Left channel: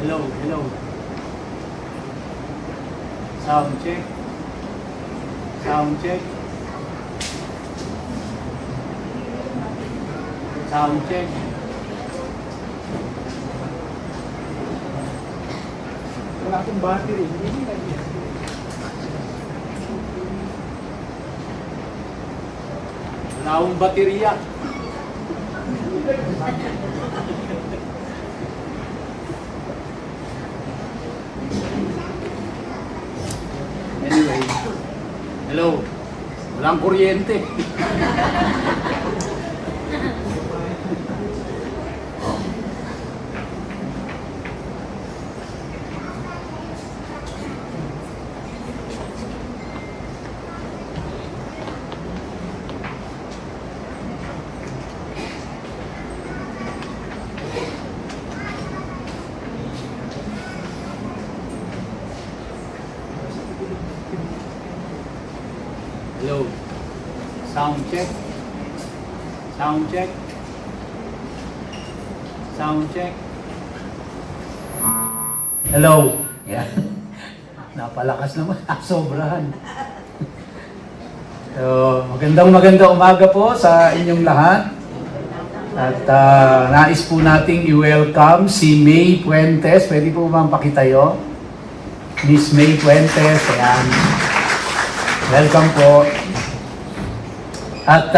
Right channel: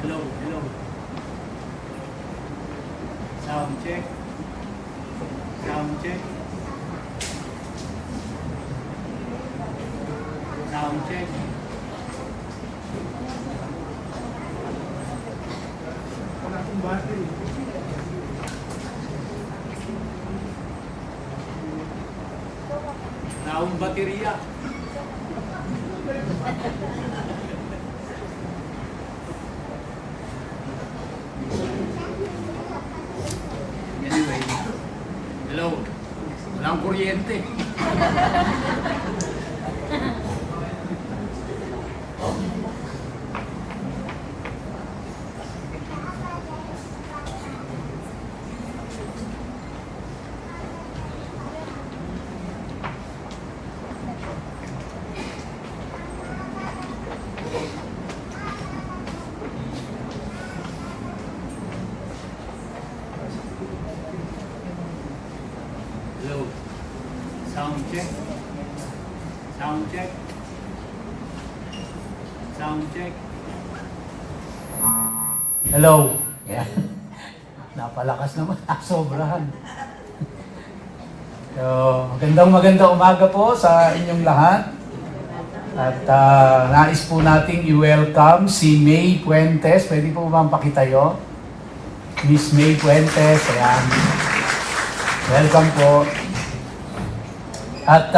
Hello, hello. Sound check. Sound check. Sound check. Wala akong battery. Wala akong baterya. Anyway, hello. Walang kuryente. Hello. Sound check. Sound check. Sound check. Hello. Yeah. Napalakas naman. Sobrahan. So, magandang umaga po sa inyong lahat. At nais po nating i-welcome si May Puentes. Pwede po ba pakitayo? Miss May Puentes. Ayan. Welcome po. At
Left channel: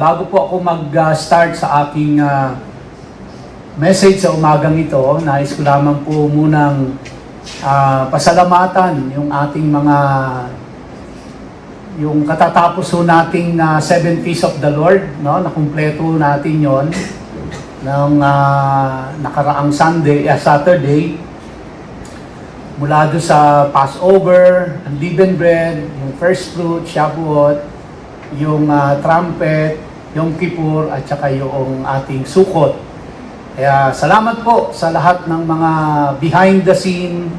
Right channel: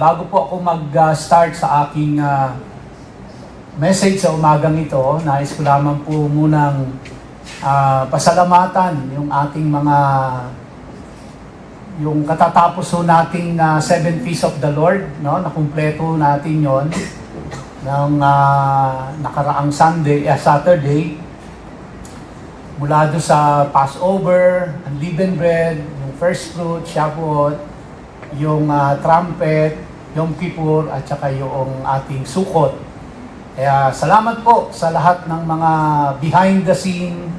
bago po ako mag-start sa aking message sa umagang ito, nais ko lamang po munang pasalamatan yung ating yung katatapos ho nating 7 Feasts of the Lord, no? Nakumpleto natin yon ng nakaraang Saturday. Mula doon sa Passover, unleavened bread, yung first fruit, Shavuot, yung trumpet, Yom Kippur, at saka yung ating Sukkot. Kaya salamat po sa lahat ng mga behind the scene,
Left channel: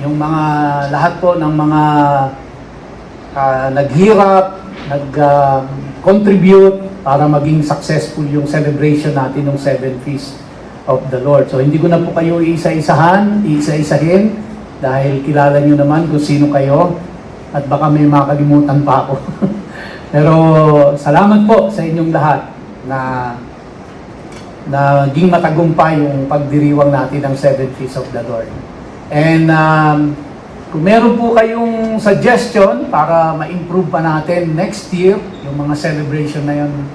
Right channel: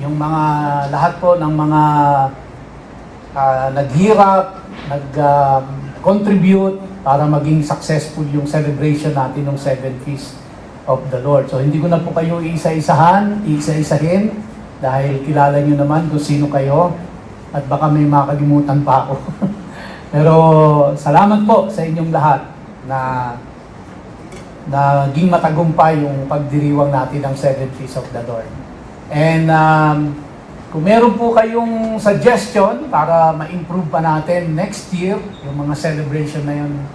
yung mga lahat po ng mga naghirap, nag-contribute para maging successful yung celebration natin ng 7 Feasts of the Lord. So hindi ko na po kayo isa-isahin, dahil kilala nyo naman kung sino kayo at baka may makalimutan pa ako. Pero salamat po sa inyong lahat na naging matagumpay yung pagdiriwang natin ng 7 Feasts of the Lord. And kung meron po kayong suggestion para ma-improve pa natin next year, yung mga celebration na yun,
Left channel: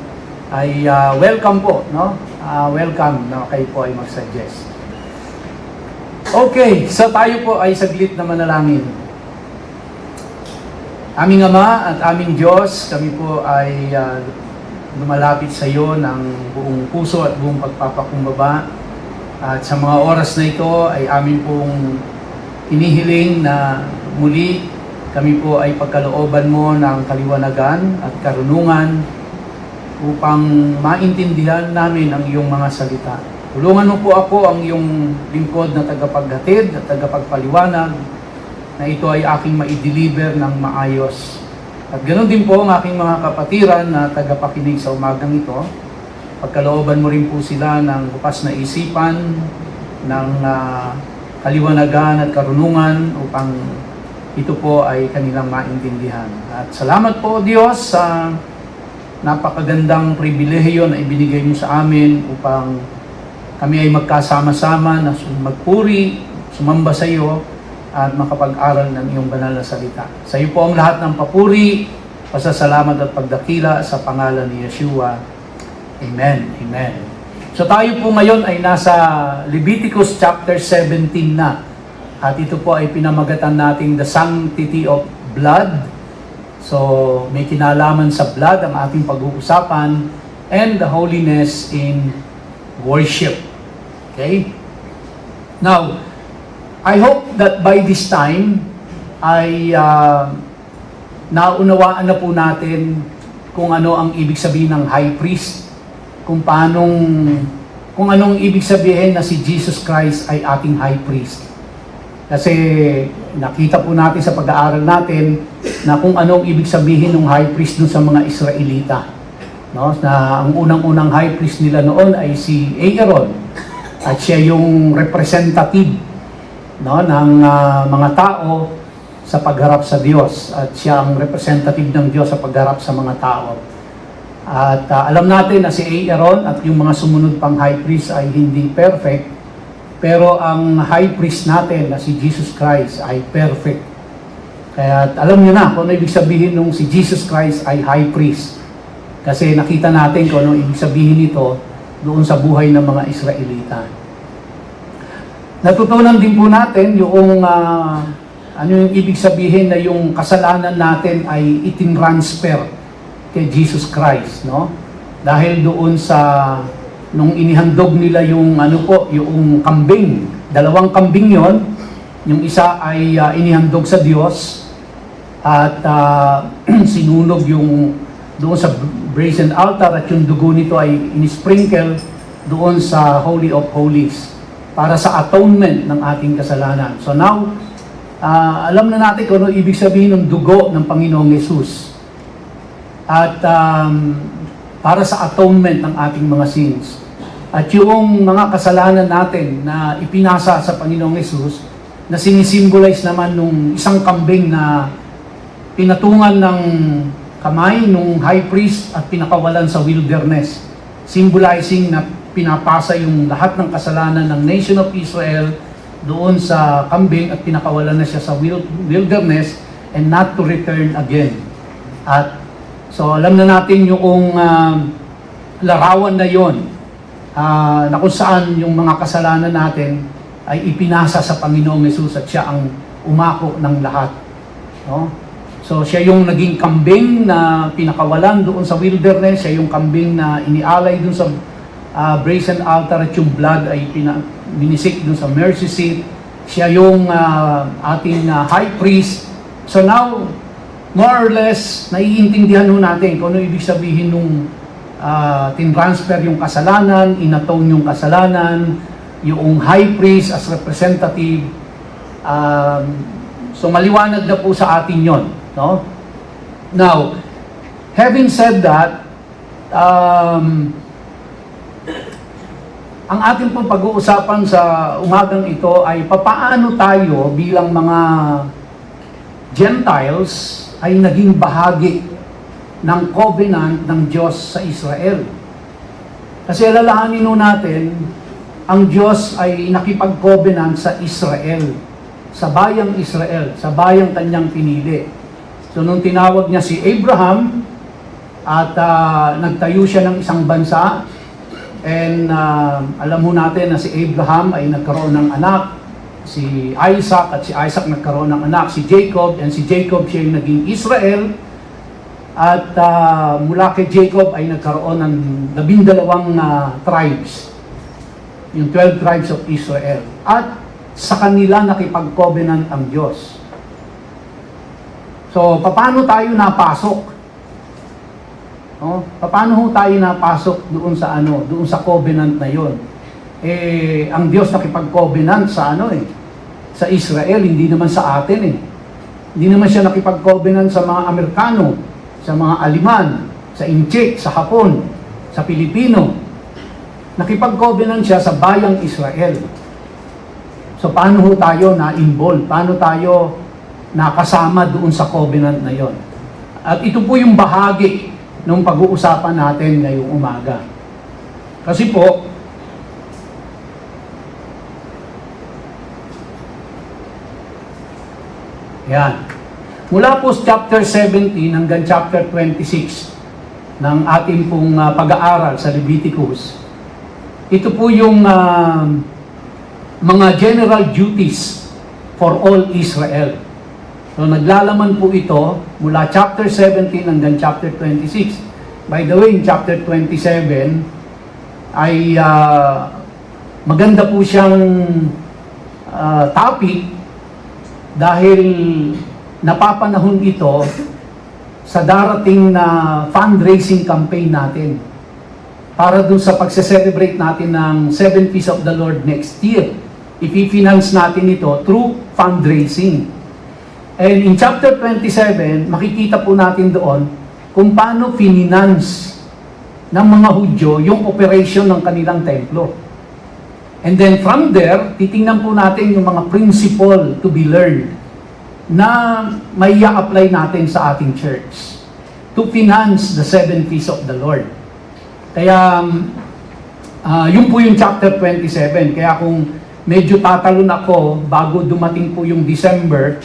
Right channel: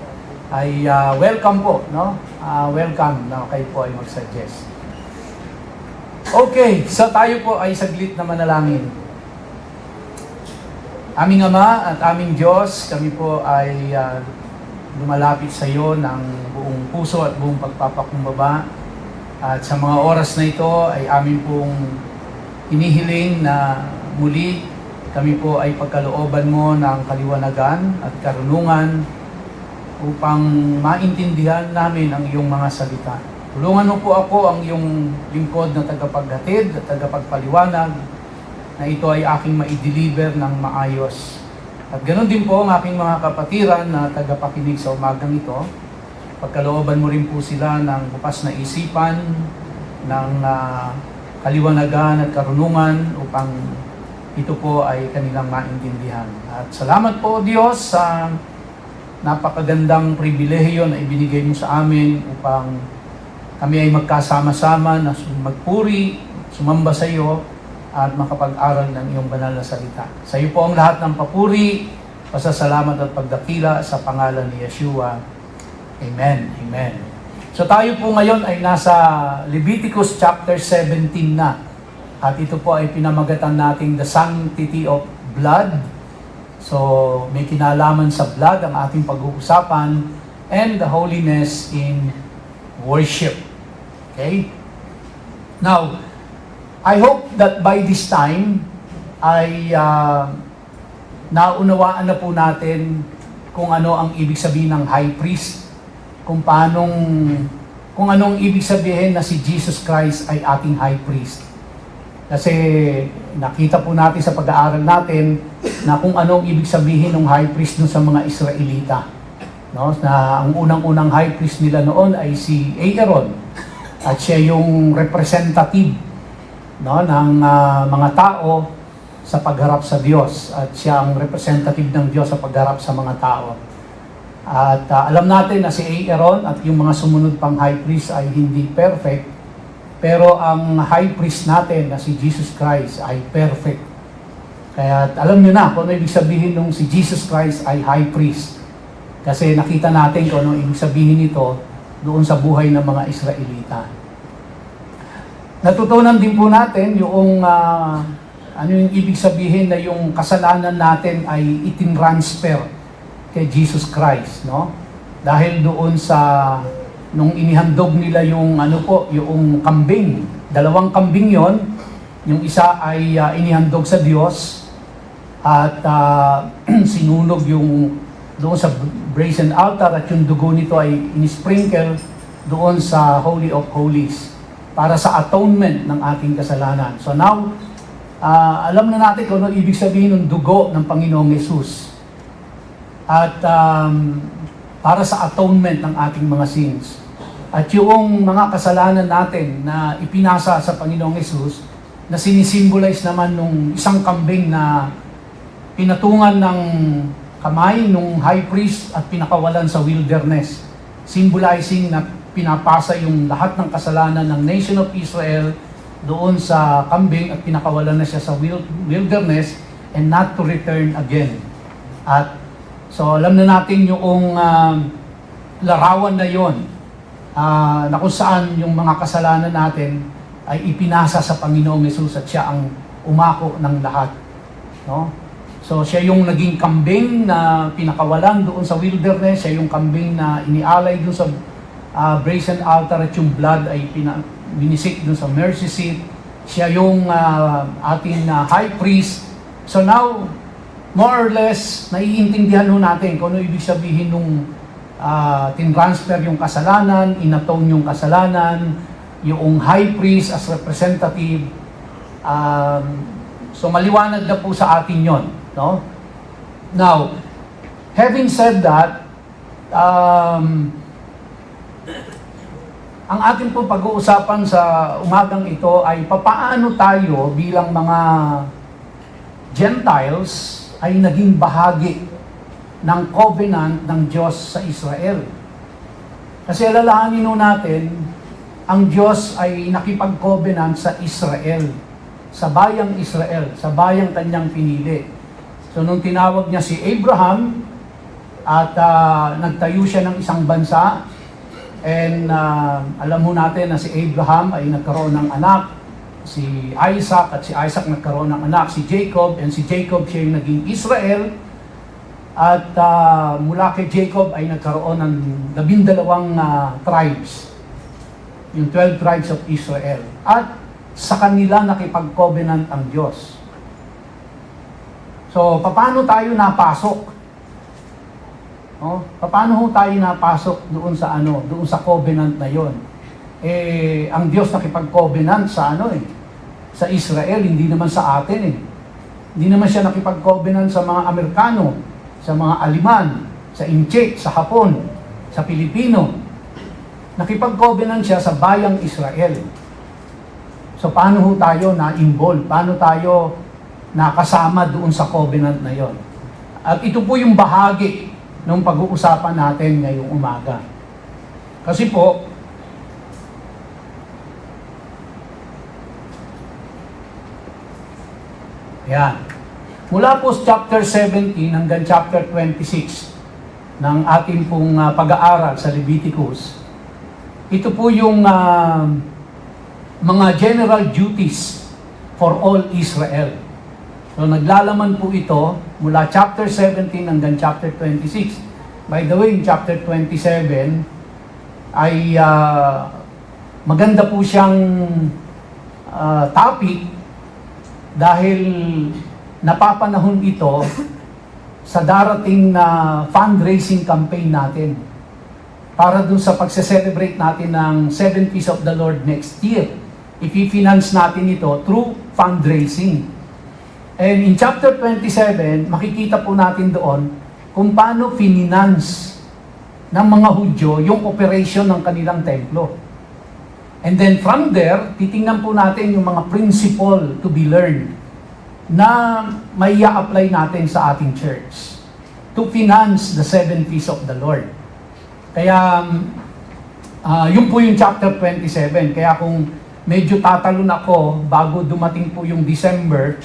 ay welcome po, no? Welcome na kayo po ay mag-suggest. Okay, so tayo po ay saglit na manalangin. Aming Ama at aming Diyos, kami po ay lumalapit sa iyo ng buong puso at buong pagpapakumbaba. At sa mga oras na ito ay amin pong inihiling na muli kami po ay pagkalooban mo ng kaliwanagan at karunungan upang maintindihan namin ang iyong mga salita. Tulungan mo po ako ang iyong lingkod na tagapaghatid at tagapagpaliwanag na ito ay aking ma-deliver ng maayos. At ganoon din po ang aking mga kapatiran na tagapakinig sa umagang ito. Pagkalooban mo rin po sila ng bukas na isipan, ng kaliwanagan at karunungan upang ito po ay kanilang maintindihan. At salamat po Diyos sa napakagandang pribilehiyo na ibinigay mo sa amin upang kami ay magkasama-sama na magpuri, sumamba sa iyo, at makapag-aral ng iyong banal na salita. Sa iyo po ang lahat ng papuri, pasasalamat at pagdakila sa pangalan ni Yeshua. Amen. Amen. So tayo po ngayon ay nasa Leviticus chapter 17 na. At ito po ay pinamagatan nating the sanctity of blood. So may kinalaman sa blood ang ating pag-uusapan and the holiness in worship. Okay? Now, I hope that by this time ay naunawaan na po natin kung ano ang ibig sabihin ng high priest, kung anong ibig sabihin na si Jesus Christ ay ating high priest. Kasi nakita po natin sa pag-aaral natin na kung anong ibig sabihin ng high priest dun sa mga Israelita. No? Na ang unang-unang high priest nila noon ay si Aaron. At siya yung representative no, ng mga tao sa pagharap sa Diyos, at siya ang representative ng Diyos sa pagharap sa mga tao. At alam natin na si Aaron at yung mga sumunod pang high priest ay hindi perfect, pero ang high priest natin na si Jesus Christ ay perfect. Kaya alam niyo na kung ano ibig sabihin nung si Jesus Christ ay high priest. Kasi nakita natin kung ano ibig sabihin nito doon sa buhay ng mga Israelita. Natutunan din po natin yung ano yung ibig sabihin na yung kasalanan natin ay itinransfer kay Jesus Christ, no? Dahil doon sa nung inihandog nila yung yung kambing, dalawang kambing yon, yung isa ay inihandog sa Diyos at sinunog yung doon sa brazen altar, at yung dugo nito ay inisprinkle doon sa Holy of Holies para sa atonement ng ating kasalanan. So now, alam na natin kung ano ibig sabihin ng dugo ng Panginoong Yesus. At para sa atonement ng ating mga sins. At yung mga kasalanan natin na ipinasa sa Panginoong Yesus, na sinisimbolize naman nung isang kambing na pinatungan ng kamay nung high priest at pinakawalan sa wilderness, symbolizing na pinapasa yung lahat ng kasalanan ng nation of Israel doon sa kambing at pinakawalan na siya sa wilderness and not to return again. At so alam na natin yung larawan na yon, na kung saan yung mga kasalanan natin ay ipinasa sa Panginoong Yesus at siya ang umako ng lahat, no? So siya yung naging kambing na pinakawalan doon sa wilderness, siya yung kambing na inialay doon sa brazen altar, at yung blood ay binisik doon sa mercy seat. Siya yung ating high priest. So now, more or less, naiintindihan ho natin kung ano ibig sabihin nung tinransfer yung kasalanan, inatone yung kasalanan, yung high priest as representative. So maliwanag na po sa atin yon, no? Now, having said that, ang ating pong pag-uusapan sa umagang ito ay papaano tayo bilang mga Gentiles ay naging bahagi ng covenant ng Diyos sa Israel. Kasi alalahanin natin, ang Diyos ay nakipag-covenant sa Israel, sa bayang Israel, sa bayang kanyang pinili. So nung tinawag niya si Abraham at nagtayo siya ng isang bansa, and alam mo natin na si Abraham ay nagkaroon ng anak, si Isaac, at si Isaac nagkaroon ng anak, si Jacob, and si Jacob siya yung naging Israel. At mula kay Jacob ay nagkaroon ng 12 tribes, yung 12 tribes of Israel. At sa kanila nakipag-covenant ang Diyos. So, paano tayo napasok? No? Paano ho tayo napasok doon sa doon sa covenant na 'yon? Ang Diyos nakipag-covenant sa sa Israel, hindi naman sa atin eh. Hindi naman siya nakipag-covenant sa mga Amerikano, sa mga Aliman, sa Inchik, sa Hapon, sa Pilipino. Nakipag-covenant siya sa bayang Israel. So paano ho tayo na-involve? Paano tayo nakasama doon sa covenant na 'yon? At ito po yung bahagi nung pag-uusapan natin ngayong umaga. Kasi po, yan. Mula po sa chapter 17 hanggang chapter 26 ng ating pong pag-aaral sa Leviticus, ito po yung mga general duties for all Israel. So naglalaman po ito mula chapter 17 hanggang chapter 26. By the way, in chapter 27 ay maganda po siyang topic dahil napapanahon ito sa darating na fundraising campaign natin para dun sa pagse-celebrate natin ng 7 Feasts of the Lord next year. Ipi-finance natin ito through fundraising. And in chapter 27, makikita po natin doon kung paano finance ng mga Hudyo yung operation ng kanilang templo. And then from there, titingnan po natin yung mga principle to be learned na may apply natin sa ating church to finance the 7 feasts of the Lord. Kaya, yun po yung chapter 27. Kaya kung medyo tatalon ako bago dumating po yung December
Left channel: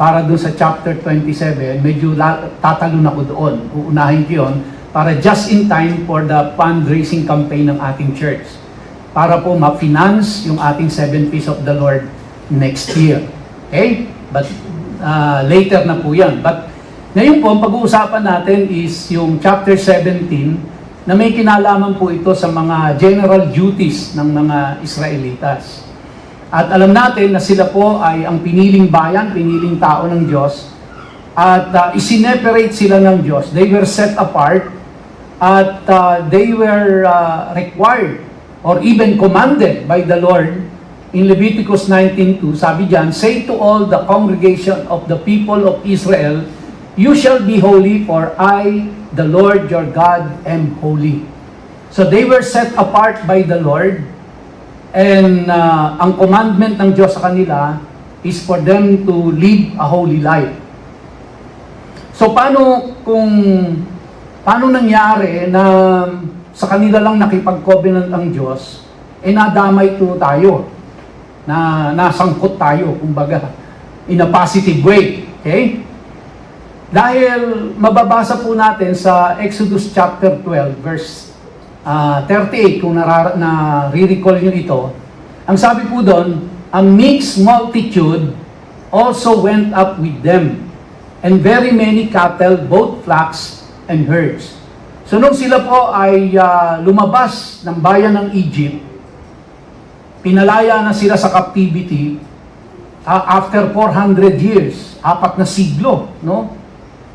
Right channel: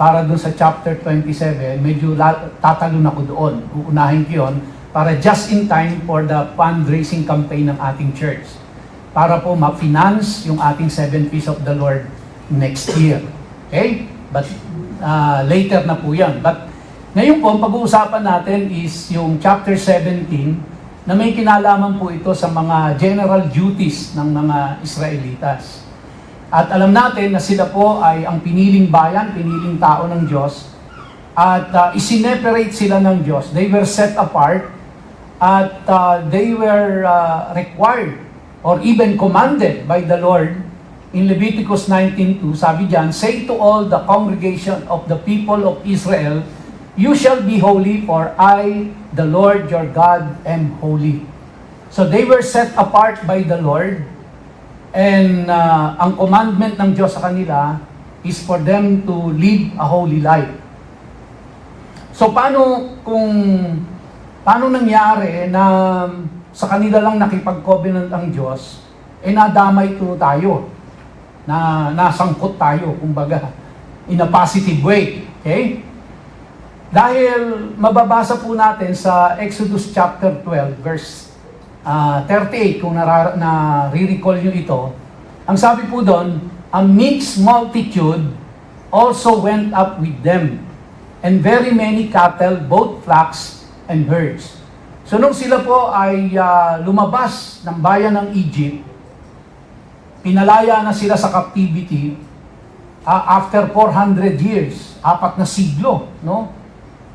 para doon sa chapter 27, medyo tatalon ako doon. Uunahin ko yun para just in time for the fundraising campaign ng ating church. Para po ma-finance yung ating 7 feasts of the Lord next year. Okay? But later na po yan. But ngayon po, ang pag-uusapan natin is yung chapter 17 na may kinalaman po ito sa mga general duties ng mga Israelitas. At alam natin na sila po ay ang piniling bayan, piniling tao ng Diyos, at isineperate sila ng Diyos. They were set apart at they were required or even commanded by the Lord. In Leviticus 19:2, sabi diyan, "Say to all the congregation of the people of Israel, you shall be holy, for I, the Lord your God, am holy." So they were set apart by the Lord, and ang commandment ng Diyos sa kanila is for them to live a holy life. So paano nangyari na sa kanila lang nakipag-covenant ang Diyos, nadamay to tayo, na nasangkot tayo, kumbaga, in a positive way. Okay? Dahil mababasa po natin sa Exodus chapter 12, verse 38, kung nare-recall nyo ito, ang sabi po doon, "A mixed multitude also went up with them, and very many cattle, both flocks and herds." So nung sila po ay lumabas ng bayan ng Egypt, pinalaya na sila sa captivity after 400 years, 4 na siglo, no?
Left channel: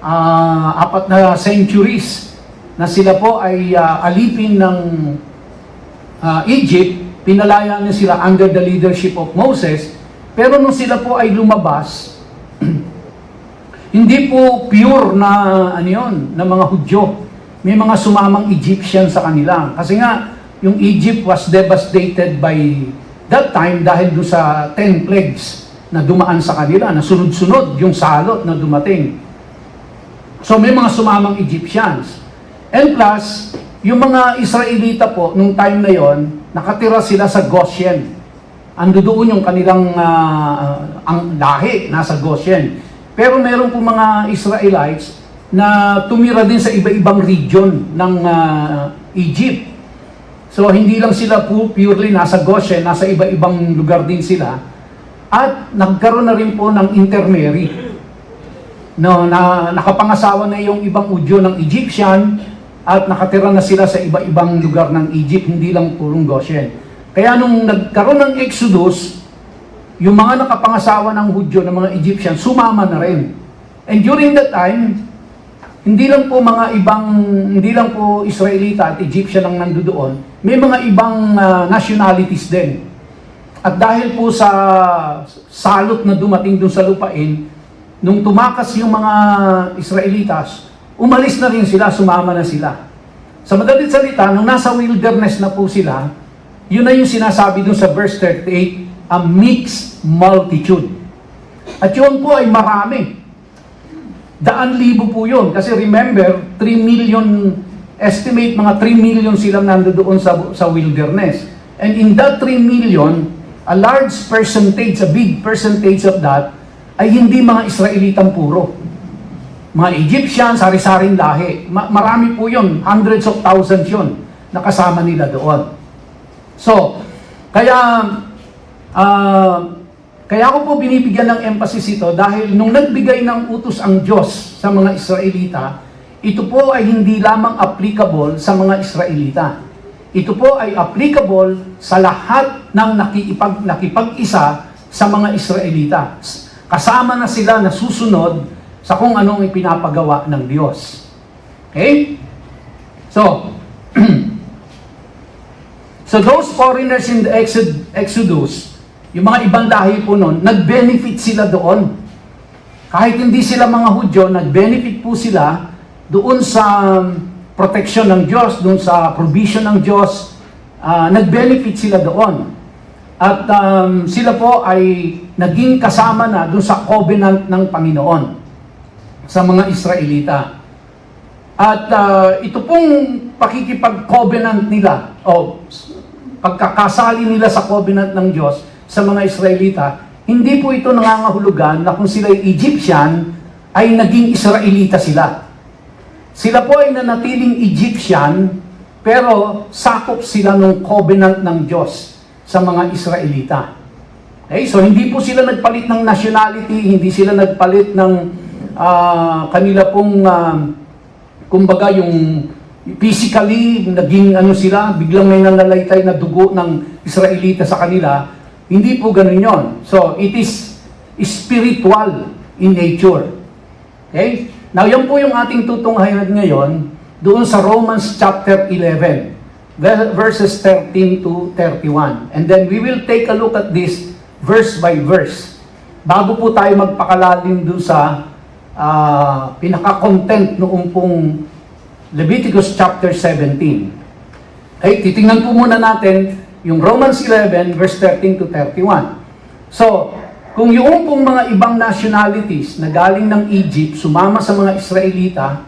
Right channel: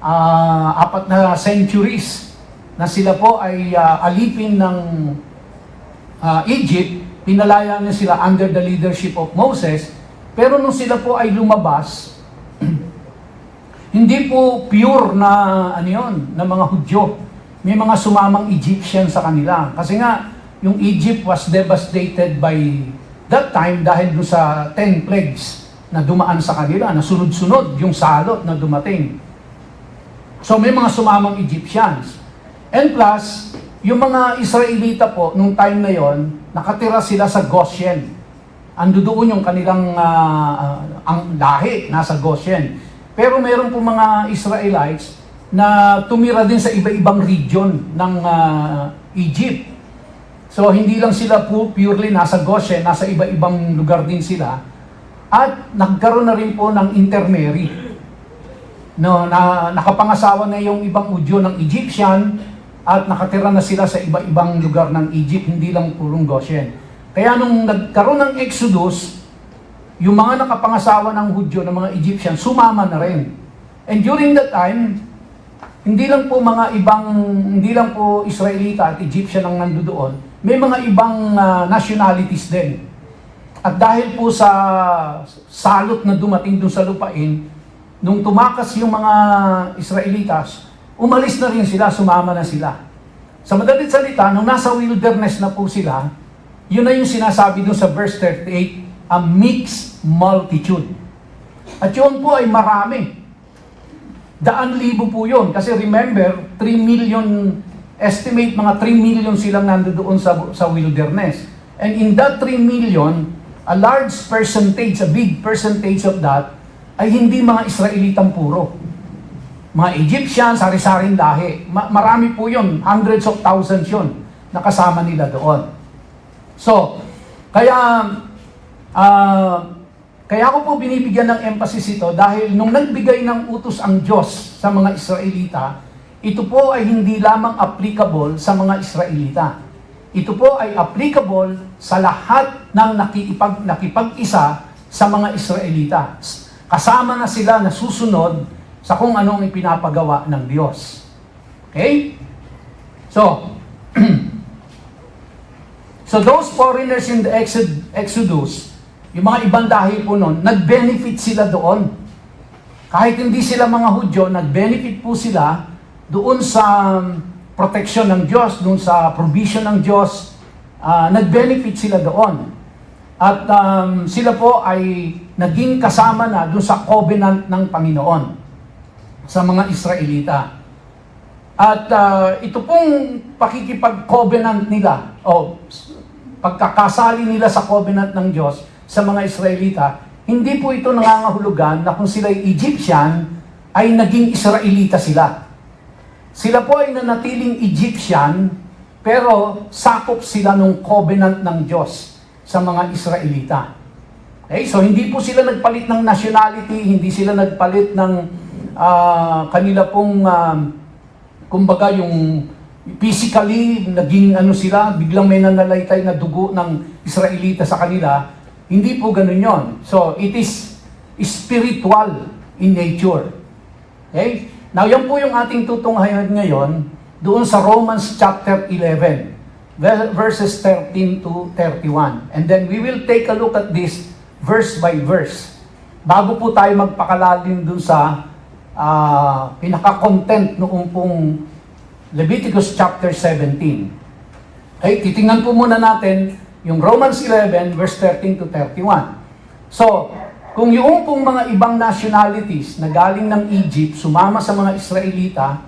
4 na centuries na sila po ay alipin ng Egypt. Pinalaya na sila under the leadership of Moses. Pero nung sila po ay lumabas, hindi po pure na na mga Hudyo. May mga sumamang Egyptian sa kanila. Kasi nga, yung Egypt was devastated by that time dahil doon sa 10 plagues na dumaan sa kanila, na sunod-sunod yung salot na dumating. So may mga sumamang Egyptians. And plus, yung mga Israelita po, nung time na yon, nakatira sila sa Goshen. Ando doon yung kanilang ang lahi, nasa Goshen. Pero meron po mga Israelites na tumira din sa iba-ibang region ng Egypt. So, hindi lang sila purely nasa Goshen, nasa iba-ibang lugar din sila. At nagkaroon na rin po ng intermarry. No, na nakapangasawa na yung ibang Hudyo ng Egyptian at nakatira na sila sa iba-ibang lugar ng Egypt, hindi lang purong Goshen. Kaya nung nagkaroon ng Exodus, yung mga nakapangasawa ng Hudyo, ng mga Egyptian, sumama na rin. And during that time, hindi lang po Israelita at Egyptian ang nandoon, may mga ibang nationalities din. At dahil po sa salot na dumating doon sa lupain, nung tumakas yung mga Israelitas, umalis na rin sila, sumama na sila. Sa madalit salita, nung nasa wilderness na po sila, yun na yung sinasabi doon sa verse 38, a mixed multitude. At yun po ay marami. 100,000 po yun. Kasi remember, 3 million, estimate mga 3 million silang nandoon sa wilderness. And in that 3 million, a large percentage, a big percentage of that, ay hindi mga Israelitang puro. Mga Egyptians, sari-saring lahi. Marami po yun, hundreds of thousands yun, nakasama nila doon. So, kaya ako po binibigyan ng emphasis ito dahil nung nagbigay ng utos ang Diyos sa mga Israelita, ito po ay hindi lamang applicable sa mga Israelita. Ito po ay applicable sa lahat ng nakipag-isa sa mga Israelita. Kasama na sila na susunod sa kung anong ipinapagawa ng Diyos. Okay? So, so those foreigners in the Exodus, yung mga ibang lahi po nun, nag-benefit sila doon. Kahit hindi sila mga Hudyo, nag-benefit po sila doon sa protection ng Diyos, doon sa provision ng Diyos, nag-benefit sila doon. At sila po ay naging kasama na doon sa covenant ng Panginoon sa mga Israelita. At ito pong pakikipag-covenant nila o pagkakasali nila sa covenant ng Diyos sa mga Israelita, hindi po ito nangangahulugan na kung sila ay Egyptian, ay naging Israelita sila. Sila po ay nanatiling Egyptian, pero sakop sila ng covenant ng Diyos sa mga Israelita. Okay? So hindi po sila nagpalit ng nationality, hindi sila nagpalit ng kanila pong, kumbaga yung physically, naging ano sila, biglang may nanlalaytay na dugo ng Israelita sa kanila. Hindi po ganun yon. So it is spiritual in nature. Okay? Now, yan po yung ating tutunghayan ngayon doon sa Romans chapter 11, verses 13 to 31. And then we will take a look at this verse by verse. Bago po tayo magpakalalim doon sa pinaka-content noong pong Leviticus chapter 17. Okay, titingnan po muna natin yung Romans 11, verse 13 to 31. So, kung yung pong mga ibang nationalities na galing ng Egypt, sumama sa mga Israelita,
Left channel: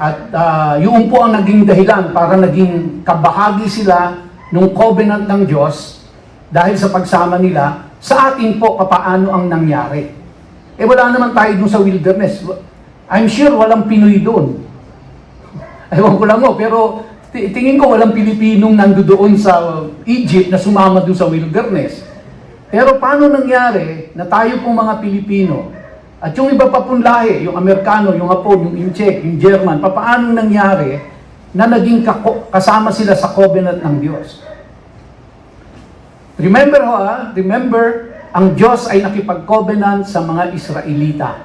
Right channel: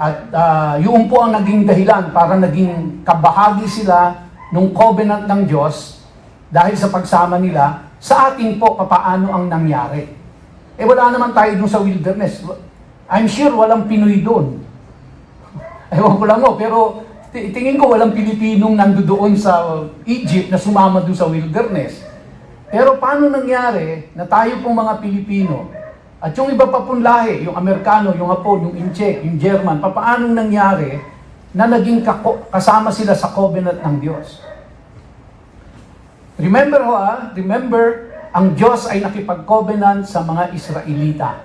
at yung po ang naging dahilan para naging kabahagi sila ng covenant ng Diyos dahil sa pagsama nila, sa atin po papaano ang nangyari. Eh wala naman tayo dun sa wilderness. I'm sure walang Pinoy doon. Ewan ko lang pero tingin ko walang Pilipinong nandoon sa Egypt na sumama doon sa wilderness. Pero paano nangyari na tayo pong mga Pilipino at yung iba pa pong lahi, yung Amerikano, yung Hapon, yung Incheck, yung German, paano nangyari na naging kasama sila sa covenant ng Diyos? Remember ang Diyos ay nakipag-covenant sa mga Israelita.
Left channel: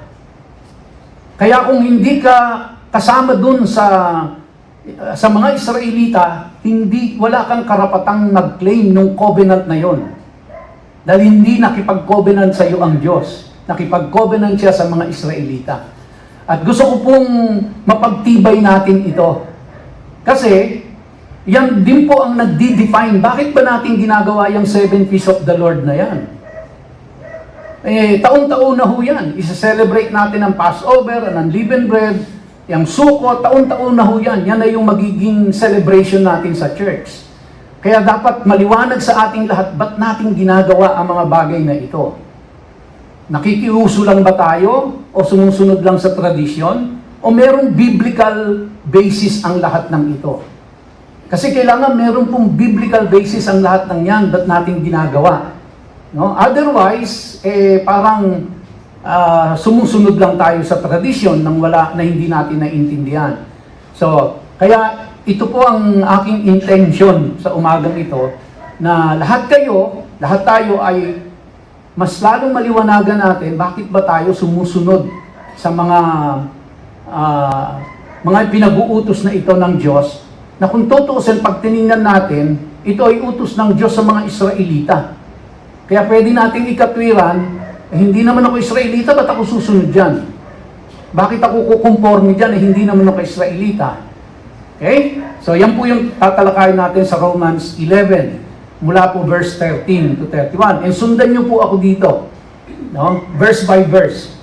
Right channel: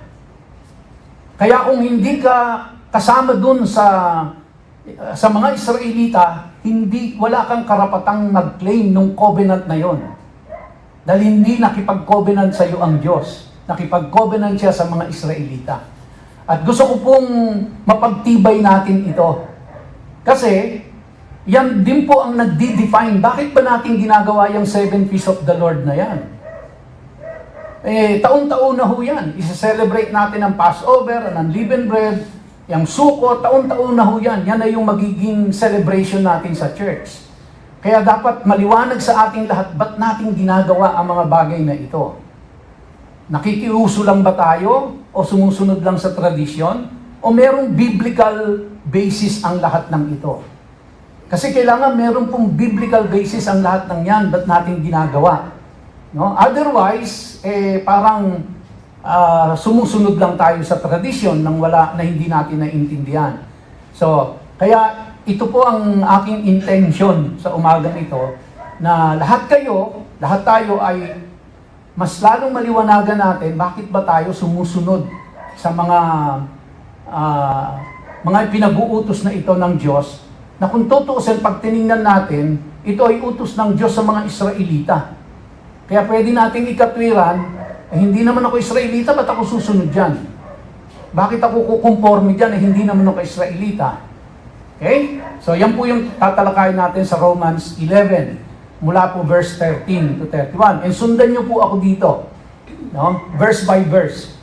Kaya kung hindi ka kasama dun sa mga Israelita, wala kang karapatang mag-claim ng covenant na yon. Dahil hindi nakipag-covenant sa iyo ang Diyos. Nakipag-covenant siya sa mga Israelita. At gusto ko pong mapagtibay natin ito. Kasi, yan din po ang nagdi-define. Bakit ba natin ginagawa yung 7 feasts of the Lord na yan? Taon-taon na ho yan. Isa-celebrate natin ang Passover, ang Unleavened Bread, yung Sukkot, taon-taon na ho yan. Yan ay yung magiging celebration natin sa church. Kaya dapat maliwanag sa ating lahat, ba't natin ginagawa ang mga bagay na ito? Nakikiuso lang ba tayo? O sumusunod lang sa tradisyon? O merong biblical basis ang lahat ng ito? Kasi kailangan meron pong biblical basis ang lahat ng yan, ba't natin ginagawa? No? Otherwise, parang sumusunod lang tayo sa tradisyon na hindi natin naiintindihan. So, kaya ito po ang aking intention sa umagang ito, na lahat tayo ay mas lalong maliwanagan natin bakit ba tayo sumusunod sa mga pinag-uutos na ito ng Diyos, na kung tutuusin, pag tinignan natin, ito ay utos ng Diyos sa mga Israelita. Kaya pwede nating ikatwiran, hindi naman ako Israelita, ba't ako susunod dyan? Bakit ako kukumporme dyan, hindi naman ako Israelita? Okay? So, yan po yung tatalakayin natin sa Romans 11, mula po verse 13 to 31. And sundan nyo po ako dito, no? Verse by verse.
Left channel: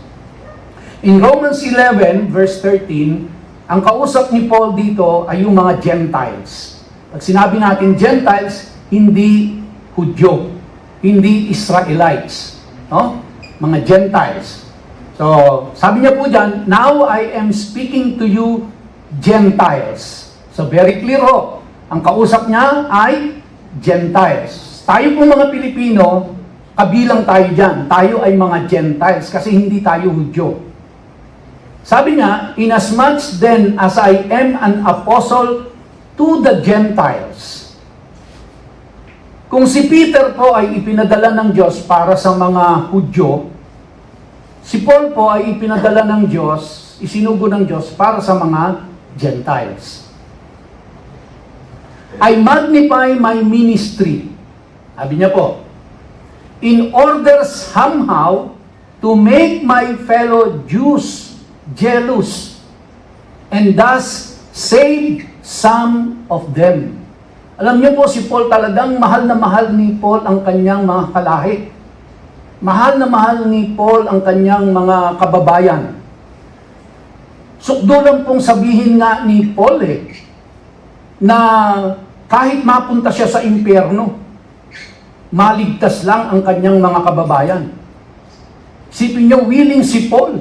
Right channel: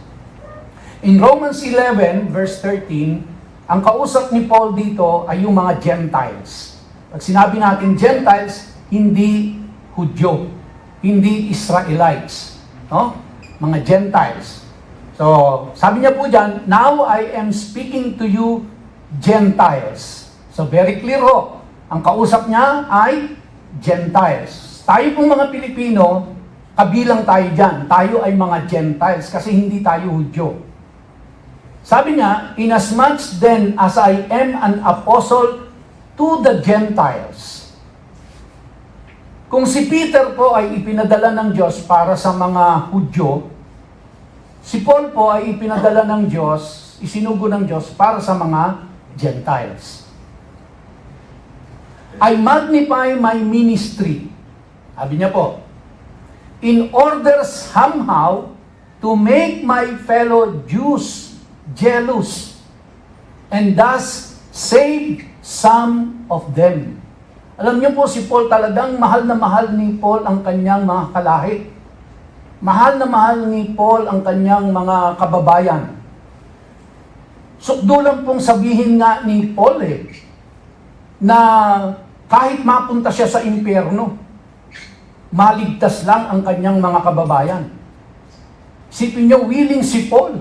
In Romans 11, verse 13, ang kausap ni Paul dito ay yung mga Gentiles. Pag sinabi natin Gentiles, hindi Hudyo, hindi Israelites, no? Mga Gentiles. So, sabi niya po dyan, now I am speaking to you Gentiles. So very clear ho, ang kausap niya ay Gentiles. Tayo pong mga Pilipino, kabilang tayo dyan. Tayo ay mga Gentiles kasi hindi tayo Hudyo. Sabi niya, inasmuch then as I am an apostle to the Gentiles. Kung si Peter po ay ipinadala ng Diyos para sa mga Hudyo, si Paul po ay ipinadala ng Diyos, isinugo ng Diyos para sa mga Gentiles. I magnify my ministry. Sabi niya po, in order somehow to make my fellow Jews jealous and thus save some of them. Alam niyo po, si Paul talagang mahal na mahal ni Paul ang kanyang mga kalahi. Mahal na mahal ni Paul ang kanyang mga kababayan. Sukdo lang pong sabihin nga ni Paul na kahit mapunta siya sa impyerno, maligtas lang ang kanyang mga kababayan. Isipin niyo, willing si Paul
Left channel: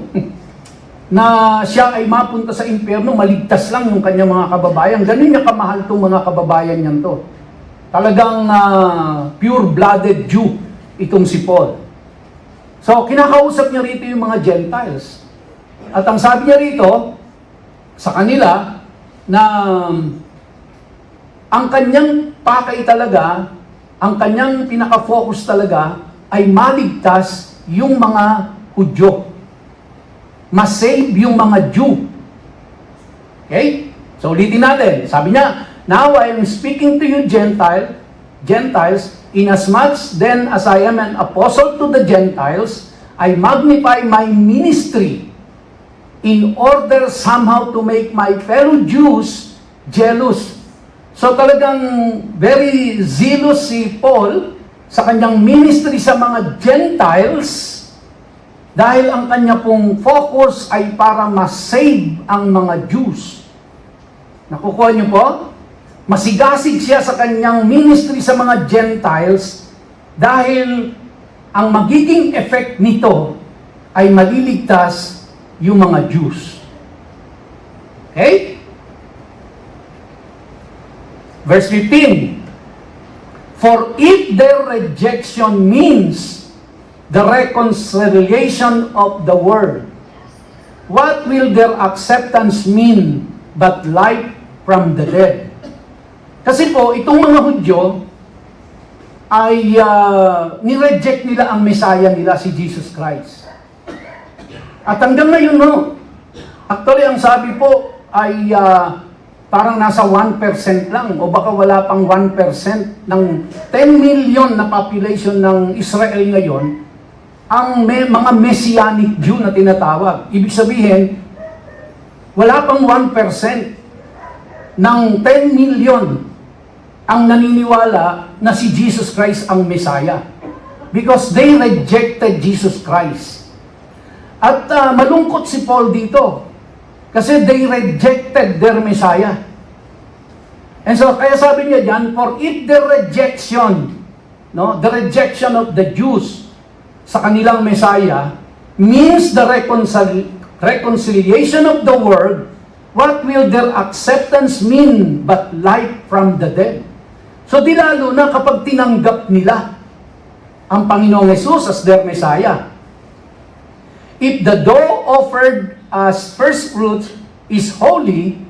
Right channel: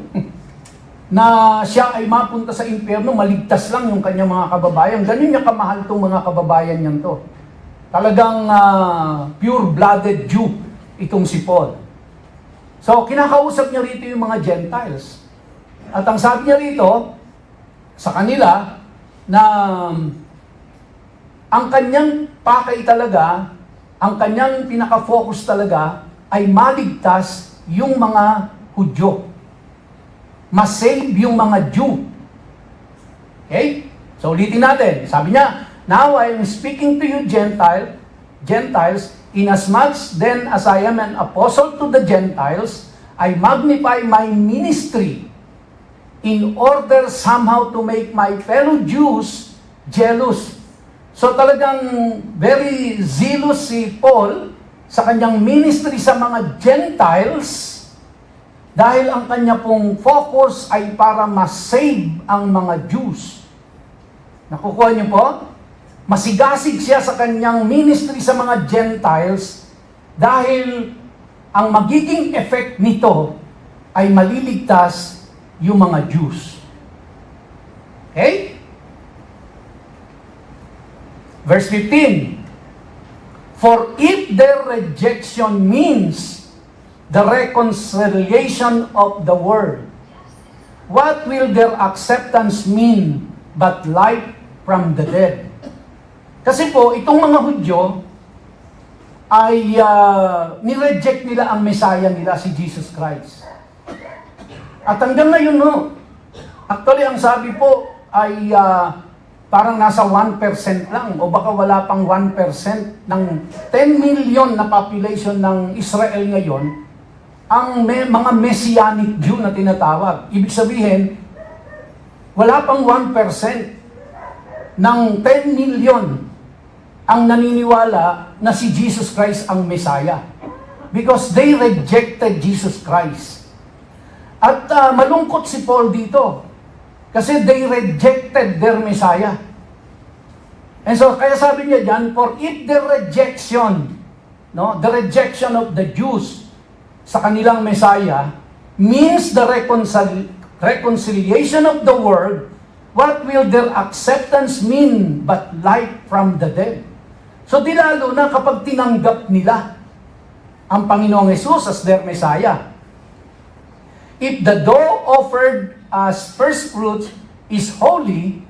na siya ay mapunta sa impyerno, maligtas lang yung kanyang mga kababayan. Ganun niya kamahal itong mga kababayan niyan to. Talagang pure-blooded Jew itong si Paul. So, kinakausap niya rito yung mga Gentiles. At ang sabi niya rito, sa kanila, na ang kanyang pakay talaga, ang kanyang pinaka-focus talaga, ay maligtas yung mga Hudyo. Masave yung mga Jew. Okay? So, ulitin natin. Sabi niya, now I am speaking to you Gentiles, inasmuch then as I am an apostle to the Gentiles, I magnify my ministry in order somehow to make my fellow Jews jealous. So talagang very zealous si Paul sa kanyang ministry sa mga Gentiles dahil ang kanya pong focus ay para ma-save ang mga Jews. Nakukuha niyo po? Masigasig siya sa kanyang ministry sa mga Gentiles dahil ang magiging effect nito ay maliligtas yung mga Jews. Okay? Verse 15. For if their rejection means the reconciliation of the world, what will their acceptance mean but life from the dead? Kasi po, itong mga Hudyo ay nireject nila ang Messiah nila, si Jesus Christ. At hanggang ngayon, no, actually, ang sabi po ay parang nasa 1% lang o baka wala pang 1% ng 10 million na population ng Israel ngayon ang mga Messianic Jew na tinatawag. Ibig sabihin, wala pang 1% ng 10 million ang naniniwala na si Jesus Christ ang Messiah. Because they rejected Jesus Christ. At malungkot si Paul dito. Kasi they rejected their Messiah. And so, kaya sabi niya dyan, for if the rejection, the rejection of the Jews sa kanilang Messiah means the reconciliation of the world, what will their acceptance mean but life from the dead? So di lalo na kapag tinanggap nila ang Panginoong Jesus as their Messiah. If the dough offered as first fruits is holy,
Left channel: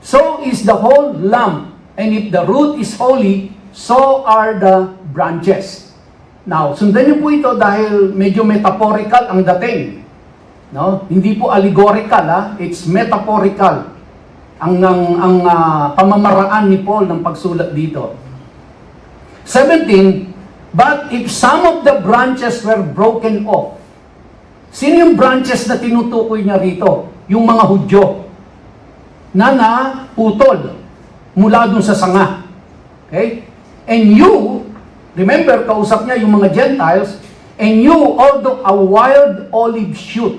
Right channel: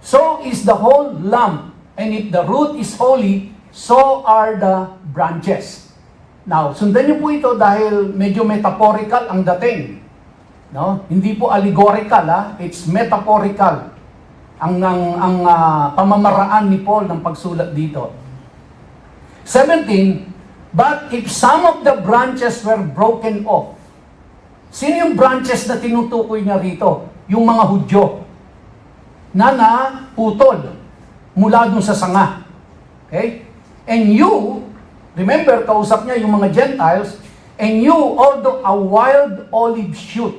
so is the whole lump. And if the root is holy, so are the branches. Now, sundan niyo po ito dahil medyo metaphorical ang dating. No? Hindi po allegorical, it's metaphorical ang pamamaraan ni Paul ng pagsulat dito. 17, but if some of the branches were broken off. Sino yung branches na tinutukoy niya rito? Yung mga Hudyo na naputol mula dun sa sanga. Okay? And you, remember, kausap niya yung mga Gentiles, and you, although a wild olive shoot.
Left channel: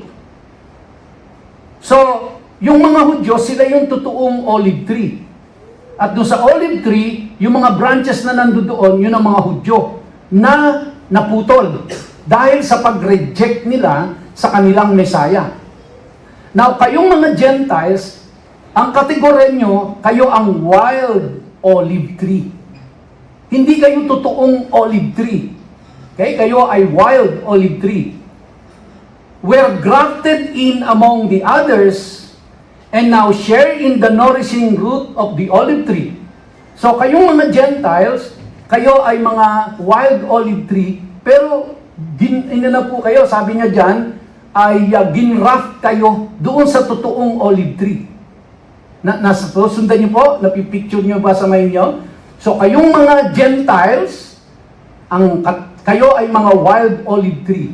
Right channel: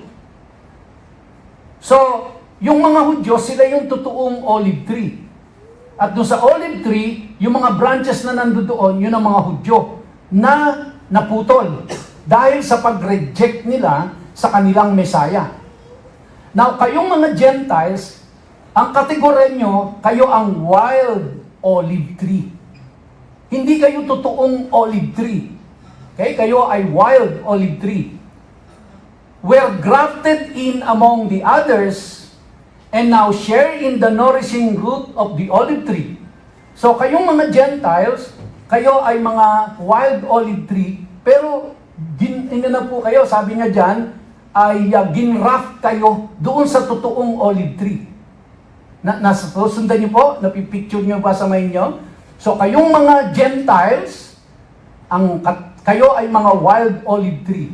So, yung mga Hudyo, sila yung totoong olive tree. At doon sa olive tree, yung mga branches na nandoon, yun ang mga Hudyo na naputol dahil sa pag-reject nila sa kanilang Messiah. Now, kayong mga Gentiles, ang kategorya nyo, kayo ang wild olive tree. Hindi kayo totoong olive tree. Okay? Kayo ay wild olive tree. We're grafted in among the others and now share in the nourishing root of the olive tree. So kayong mga Gentiles, kayo ay mga wild olive tree, pero na po kayo, sabi niya dyan, ay ginraft kayo doon sa totoong olive tree. Sundan niyo po, napipicture niyo ba sa mind niyo? So kayong mga Gentiles, kayo ay mga wild olive tree.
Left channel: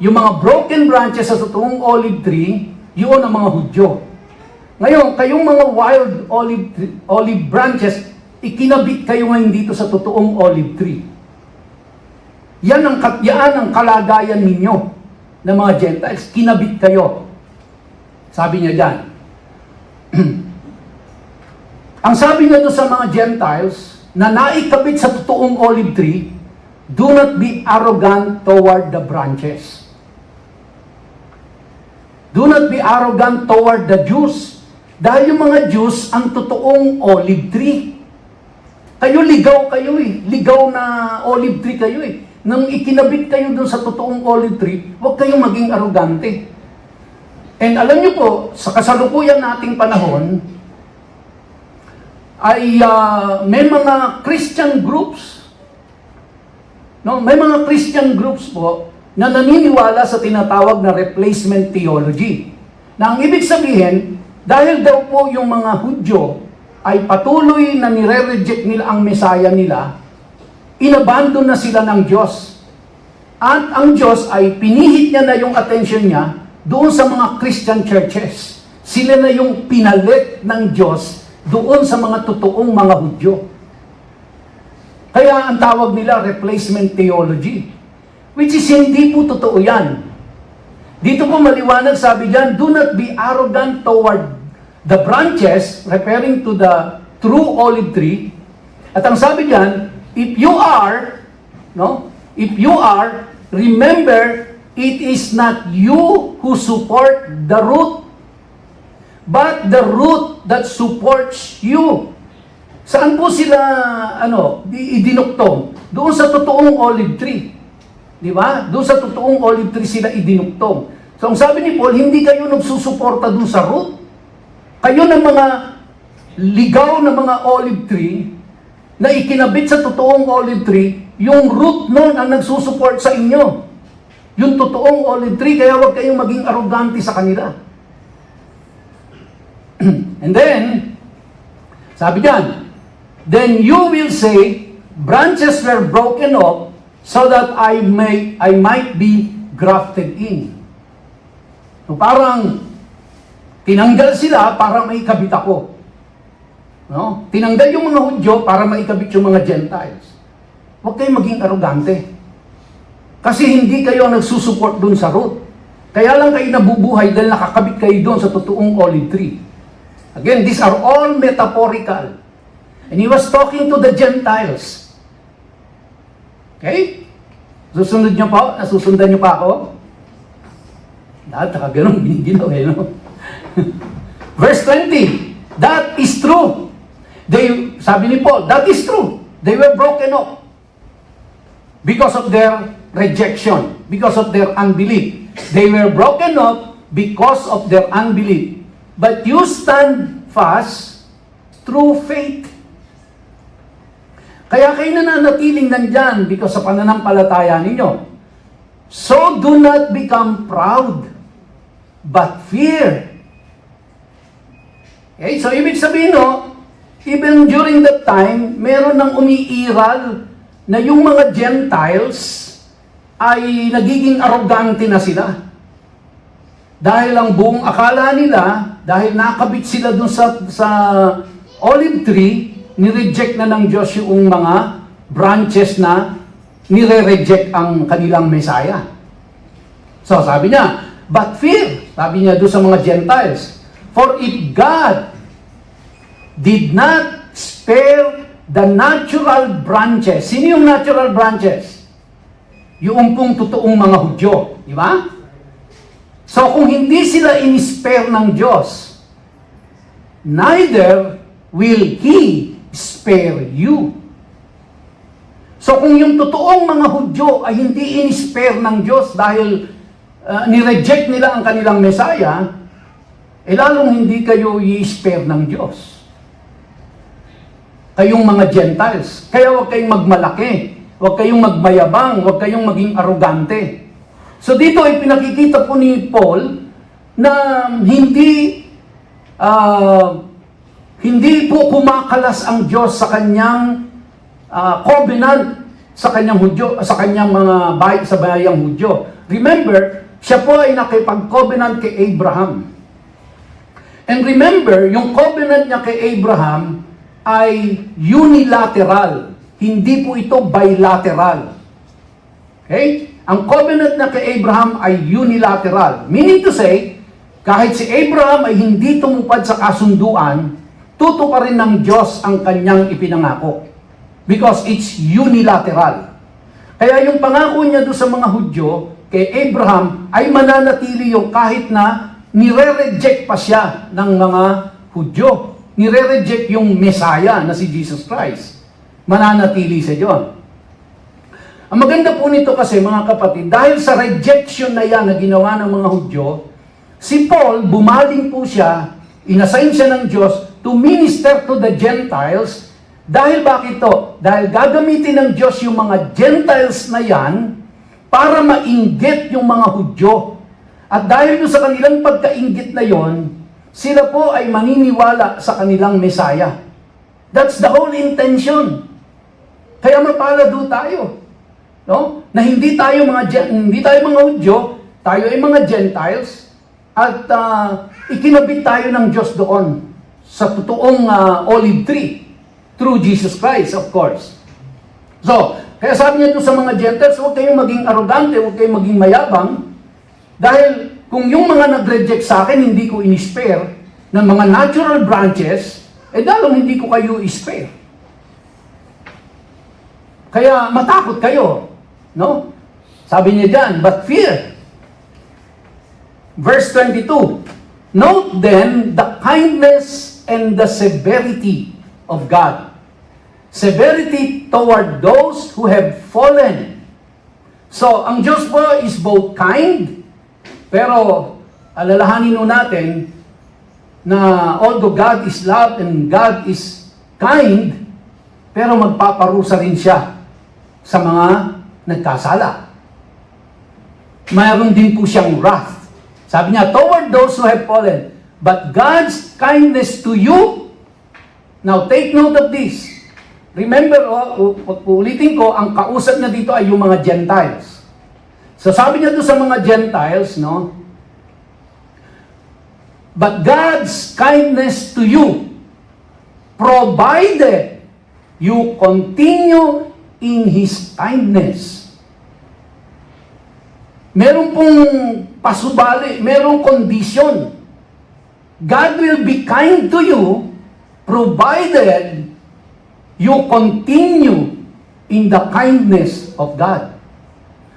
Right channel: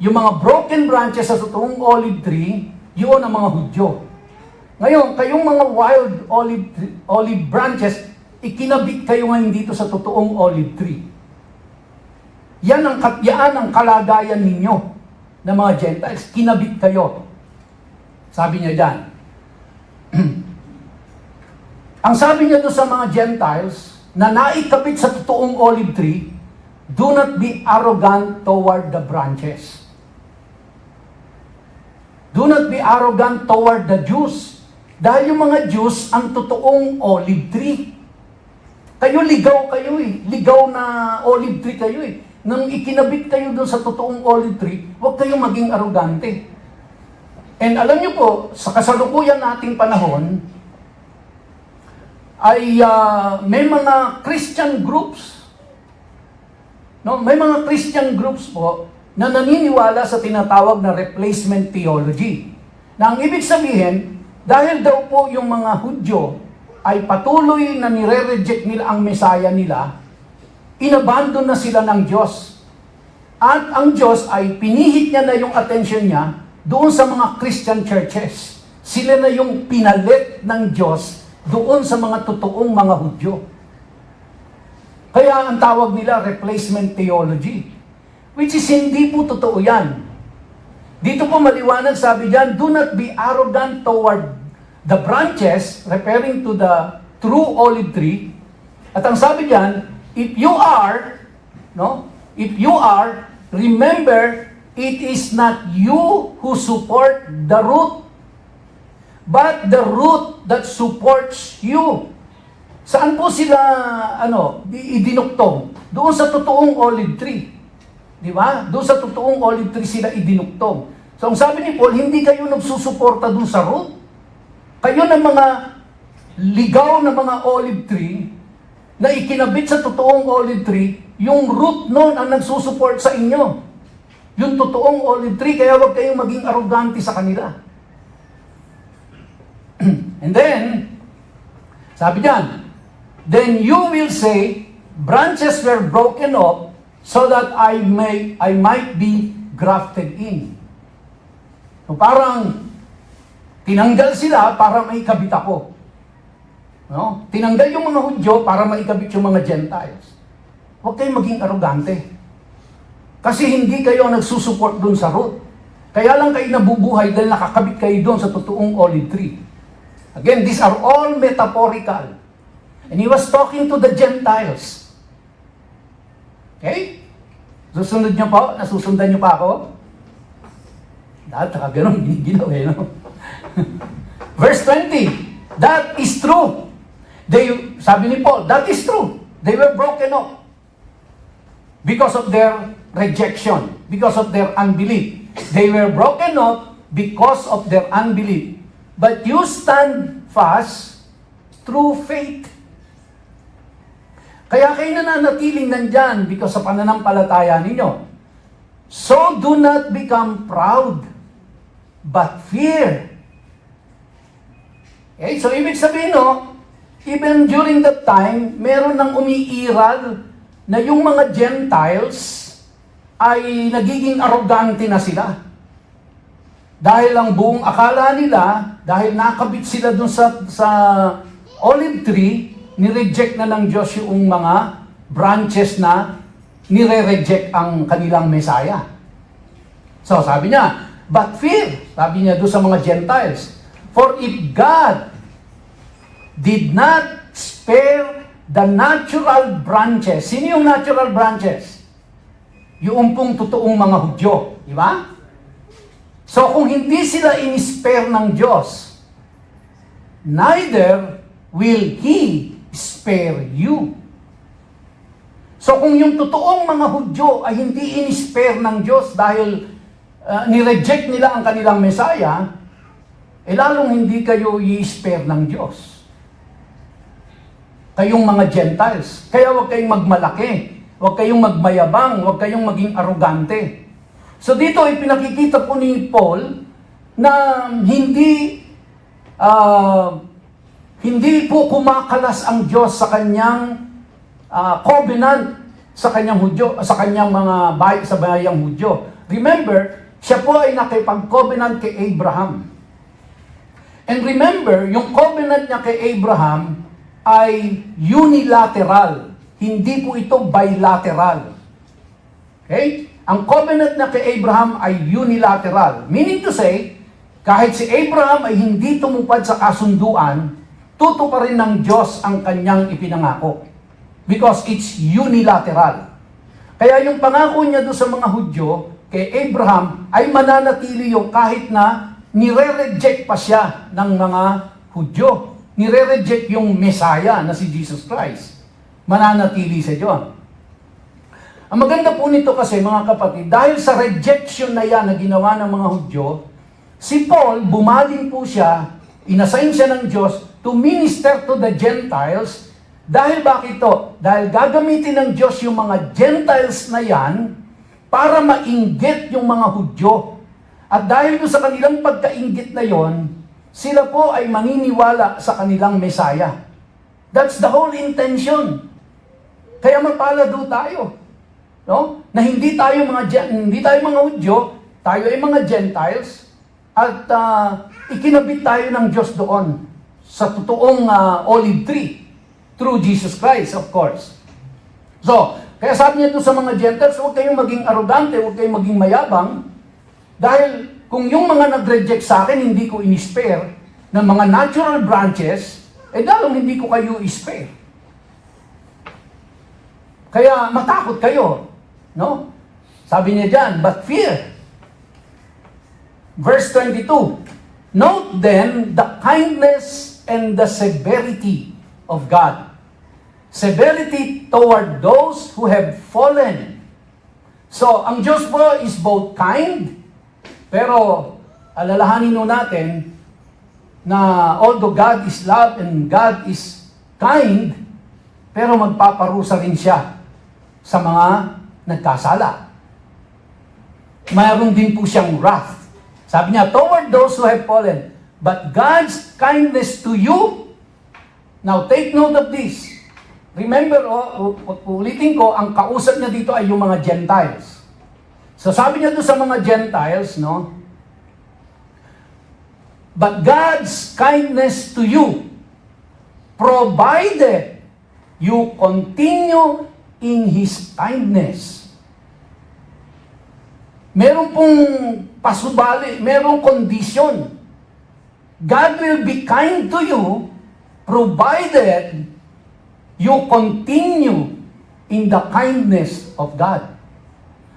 Yung mga broken branches sa totoong olive tree, yun ang mga Hudyo. Ngayon, kayong mga wild olive branches, ikinabit kayo ngayon dito sa totoong olive tree. Yan ang kalagayan ninyo ng mga Gentiles. Kinabit kayo. Sabi niya dyan. Ang sabi niya doon sa mga Gentiles na naikabit sa totoong olive tree, do not be arrogant toward the branches. Do not be arrogant toward the Jews. Dahil yung mga Jews ang totoong olive tree. Kayo ligaw kayo eh. Ligaw na olive tree kayo eh. Nang ikinabit kayo dun sa totoong olive tree, huwag kayong maging arrogante. And alam niyo po, sa kasalukuyan nating panahon, ay may mga Christian groups, no? May mga Christian groups po na naniniwala sa tinatawag na replacement theology. Na ang ibig sabihin, dahil daw po yung mga Hudyo ay patuloy na nire-reject nila ang Messiah nila, inabandon na sila ng Diyos. At ang Diyos ay pinihit niya na yung attention niya doon sa mga Christian churches. Sila na yung pinalit ng Diyos doon sa mga totoong mga Hudyo. Kaya ang tawag nila replacement theology. Which is hindi po totoo yan. Dito po maliwanag, sabi diyan, do not be arrogant toward the branches, referring to the true olive tree. At ang sabi diyan, if you are, remember, it is not you who support the root, but the root that supports you. Saan po sila, idinuktong? Doon sa totoong olive tree. Di ba? Doon sa totoong olive tree sila idinuktong. So ang sabi ni Paul, hindi kayo nagsusuporta doon sa root. Kayo ng mga ligaw na mga olive tree, na ikinabit sa totoong olive tree, yung root nun ang nagsusupport sa inyo. Yung totoong olive tree, kaya huwag kayong maging arrogante sa kanila. And then, sabi diyan, then you will say, branches were broken off so that I might be grafted in. So parang, tinanggal sila para may kabit ako. No? Tinanggal yung mga Hudyo para maikabit yung mga Gentiles. Huwag kayong maging arrogante. Kasi hindi kayo nagsusupport dun sa root. Kaya lang kayo nabubuhay dahil nakakabit kayo dun sa totoong olive tree. Again, these are all metaphorical. And he was talking to the Gentiles. Okay? Susunod niyo pa? Nasusundan niyo pa ako? Lahat, saka ganun, giniginaw eh, no? Verse 20, that is true. Sabi ni Paul, that is true. They were broken off because of their rejection, because of their unbelief. They were broken off because of their unbelief. But you stand fast through faith. Kaya kayo nananatiling nandyan because sa pananampalataya ninyo. So do not become proud, but fear. Okay, so ibig sabihin, no, even during that time, meron nang umiiral na yung mga Gentiles ay nagiging arrogante na sila. Dahil ang buong akala nila, dahil nakabit sila dun sa olive tree, nireject na ng Diyos yung mga branches na nire-reject ang kanilang Messiah. So sabi niya, but fear, sabi niya doon sa mga Gentiles, for if God did not spare the natural branches. Sino yung natural branches? Yung pong totoong mga Hudyo. Di ba? So kung hindi sila in-spare ng Diyos, neither will He spare you. So kung yung totoong mga Hudyo ay hindi in-spare ng Diyos dahil nireject nila ang kanilang Messiah, lalong hindi kayo i-spare ng Diyos. Kayong mga Gentiles. Kaya huwag kayong magmalaki, huwag kayong magmayabang, huwag kayong maging arrogante. So dito ay pinakikita po ni Paul na hindi po kumakalas ang Diyos sa kanyang covenant sa kanyang Hudyo, sa kanyang sa bayang Hudyo. Remember, siya po ay nakipag-covenant kay Abraham. And remember, yung covenant niya kay Abraham ay unilateral. Hindi po ito bilateral. Okay? Ang covenant na kay Abraham ay unilateral. Meaning to say, kahit si Abraham ay hindi tumupad sa kasunduan, tutuparin ng Diyos ang kanyang ipinangako. Because it's unilateral. Kaya yung pangako niya doon sa mga Hudyo, kay Abraham, ay mananatili yung kahit na nire-reject pa siya ng mga Hudyo. Nire-reject yung Messiah na si Jesus Christ. Mananatili siya doon. Ang maganda po nito kasi mga kapatid, dahil sa rejection na yan na ginawa ng mga Hudyo, si Paul, bumaling po siya, inassign siya ng Diyos to minister to the Gentiles. Dahil bakit to? Dahil gagamitin ng Diyos yung mga Gentiles na yan para mainggit yung mga Hudyo. At dahil doon sa kanilang pagkainggit na yon, sila po ay maniniwala sa kanilang Messiah. That's the whole intention. Kaya mapalad do tayo. No? Na hindi tayo mga Hudyo, tayo ay mga Gentiles, at ikinabit tayo ng Diyos doon sa totoong olive tree through Jesus Christ, of course. So, kaya sabi niya ito sa mga Gentiles, huwag kayong maging arrogante, huwag kayong maging mayabang, dahil kung yung mga nag-reject sa akin, hindi ko in-spare ng mga natural branches, lalong hindi ko kayo i-spare. Kaya matakot kayo. No? Sabi niya dyan, but fear. Verse 22, note then the kindness and the severity of God. Severity toward those who have fallen. So, ang Diyos po is both kind, pero alalahanin nun natin na although God is love and God is kind, pero magpaparusa rin siya sa mga nagkasala. Mayroon din po siyang wrath. Sabi niya, toward those who have fallen. But God's kindness to you, now take note of this. Remember, ulitin ko, ang kausap niya dito ay yung mga Gentiles. So sabi niya doon sa mga Gentiles, no? But God's kindness to you, provided you continue in His kindness. Meron pong pasubali, merong kondisyon. God will be kind to you provided you continue in the kindness of God.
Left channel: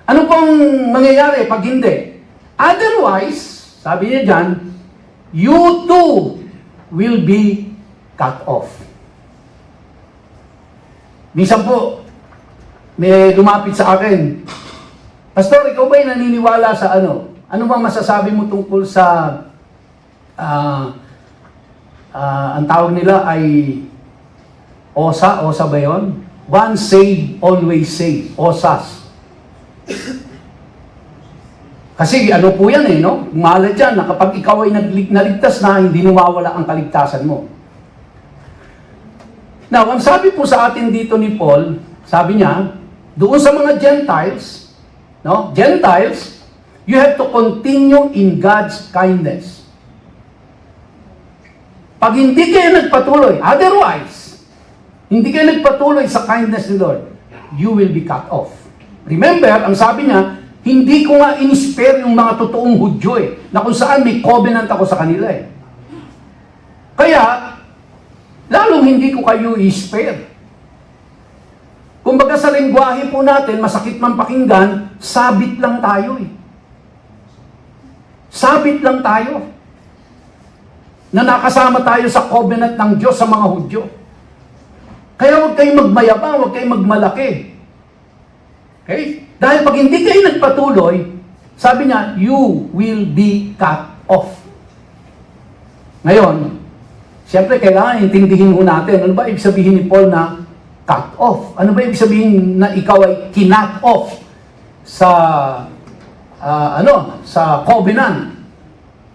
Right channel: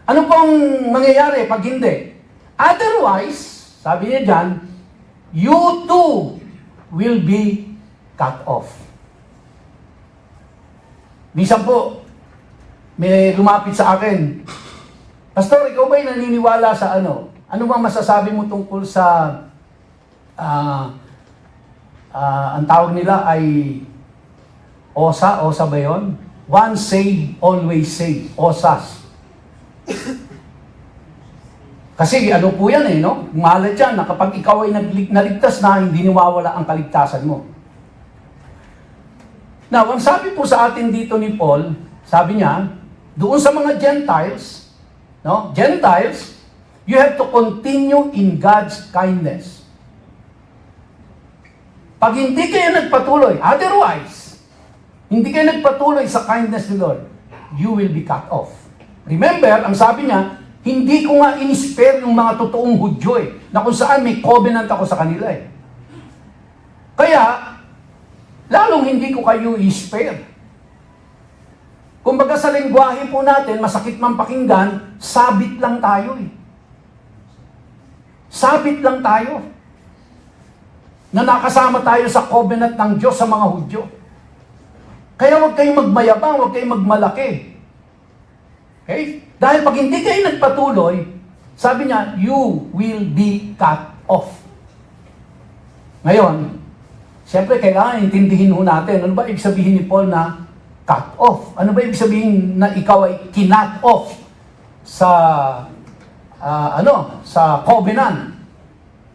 Ano pong mangyayari pag hindi? Otherwise, sabi niya dyan, you too will be cut off. Minsan po, may lumapit sa akin, Pastor, ikaw ba'y naniniwala sa ano? Ano bang masasabi mo tungkol sa, ang tawag nila ay OSA ba yun? Once saved, always saved. OSAS. Kasi ano po yan no? Mahalat yan na kapag ikaw ay naligtas na, hindi nawawala ang kaligtasan mo. Now, ang sabi po sa atin dito ni Paul, sabi niya, doon sa mga Gentiles, no? Gentiles, you have to continue in God's kindness. Pag hindi kayo nagpatuloy, otherwise, hindi kayo nagpatuloy sa kindness ni Lord, you will be cut off. Remember, ang sabi niya, hindi ko nga in-spare yung mga totoong Hudyo na kung saan may covenant ako sa kanila Kaya, lalong hindi ko kayo i-spare. Kumbaga sa lengguwahe po natin, masakit man pakinggan, sabit lang tayo Sabit lang tayo. Na nakasama tayo sa covenant ng Diyos sa mga Hudyo. Kaya huwag kayong magmayabang, huwag kayong magmalaki. Okay? Dahil pag hindi kayo nagpatuloy, sabi niya, you will be cut off. Ngayon, siyempre kailangan intindihin mo natin, ano ba ibig sabihin ni Paul na cut off? Ano ba ibig sabihin na ikaw ay kinut off sa sa covenant?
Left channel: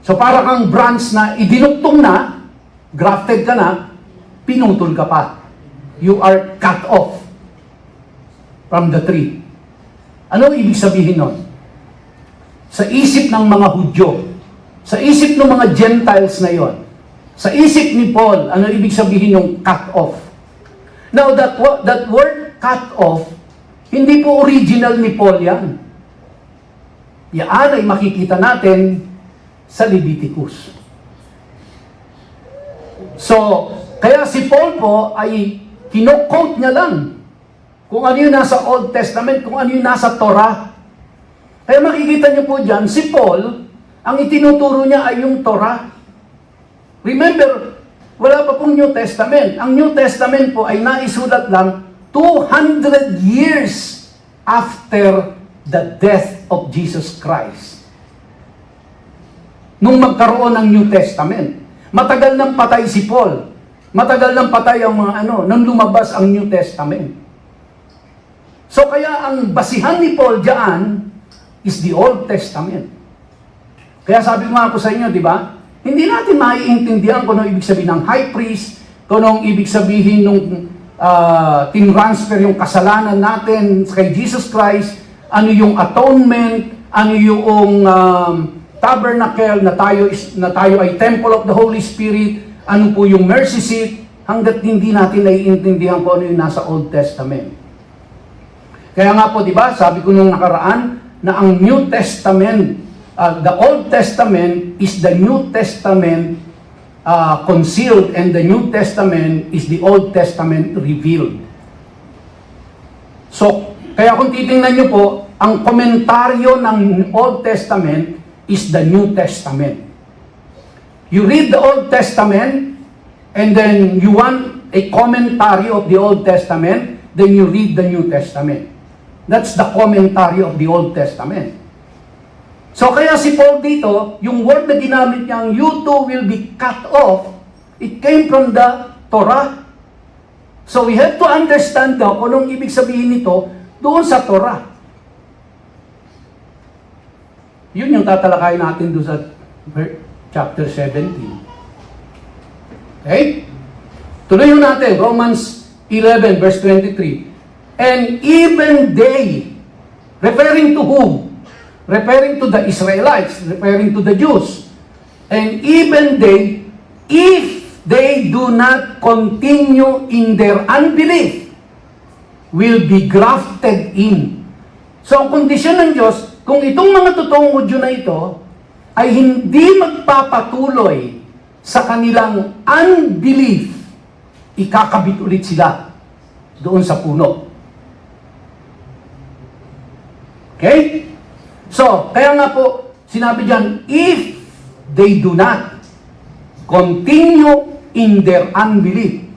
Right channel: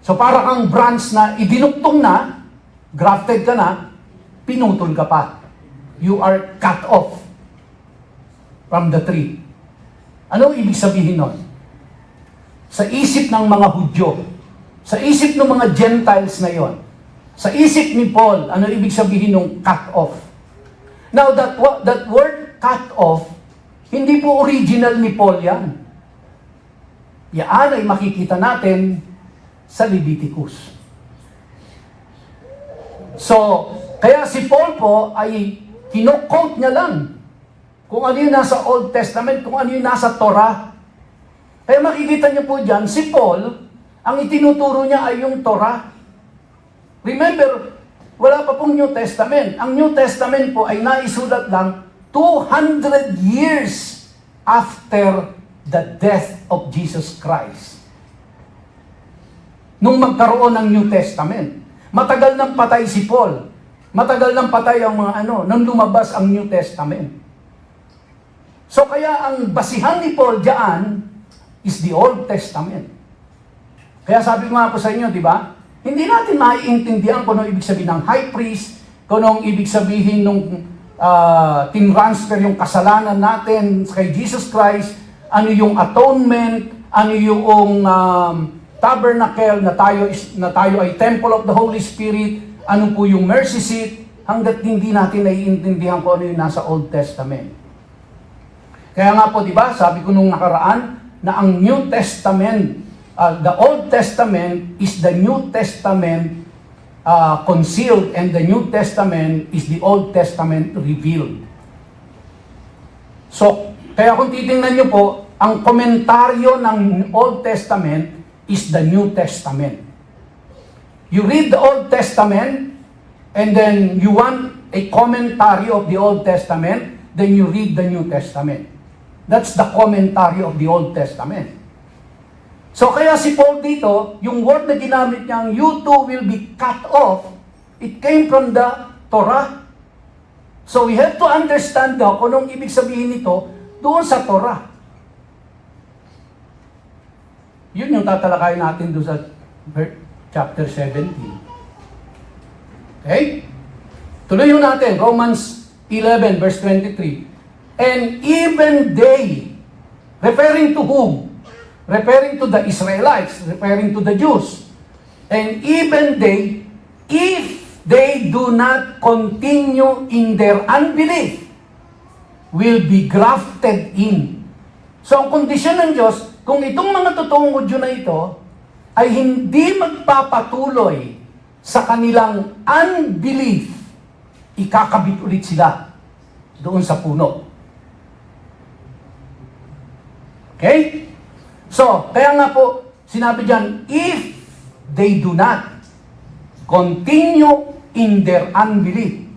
So para kang branch na idinugtong na, grafted ka na, pinutol ka pa. You are cut off from the tree. Ano ibig sabihin nun? Sa isip ng mga Hudyo, sa isip ng mga Gentiles na yon, Sa isip ni Paul, ano ibig sabihin ng cut off? Now, that word cut off, hindi po original ni Paul yan. Yan ay makikita natin sa Leviticus. So, kaya si Paul po ay kino-quote niya lang kung ano yung nasa Old Testament, kung ano yung nasa Torah. Kaya makikita niyo po dyan, si Paul, ang itinuturo niya ay yung Torah. Remember, wala pa pong New Testament. Ang New Testament po ay naisulat lang 200 years after the death of Jesus Christ. Nung magkaroon ng New Testament. Matagal nang patay si Paul. Matagal nang patay ang mga nang lumabas ang New Testament. So kaya ang basihan ni Paul diyan is the Old Testament. Kaya sabi ko nga po sa inyo, di ba? Hindi natin maiintindihan kung ano ibig sabihin ng high priest, kung ano ibig sabihin nung tinransfer yung kasalanan natin kay Jesus Christ, ano yung atonement, ano yung tabernacle na tayo ay temple of the Holy Spirit, ano po yung mercy seat, hanggat hindi natin naiintindihan kung ano yung nasa Old Testament. Kaya nga po, di ba, sabi ko nung nakaraan, na ang New Testament, the Old Testament is the New Testament concealed, and the New Testament is the Old Testament revealed. So, kaya kung titingnan nyo po, ang komentaryo ng Old Testament is the New Testament. You read the Old Testament, and then you want a commentary of the Old Testament, then you read the New Testament. That's the commentary of the Old Testament. So kaya si Paul dito, yung word na ginamit niyang, you too will be cut off, it came from the Torah. So we have to understand daw kung anong ibig sabihin nito doon sa Torah. Yun yung tatalakayin natin doon sa chapter 17. Okay? Tuloy natin, Romans 11 verse 23. And even they, referring to whom? Referring to the Israelites, referring to the Jews. And even they, if they do not continue in their unbelief, will be grafted in. So ang kondisyon ng Diyos, kung itong mga totoong Hudyo na ito, ay hindi magpapatuloy sa kanilang unbelief, ikakabit ulit sila doon sa puno. Okay? So, kaya nga po, sinabi dyan, if they do not continue in their unbelief.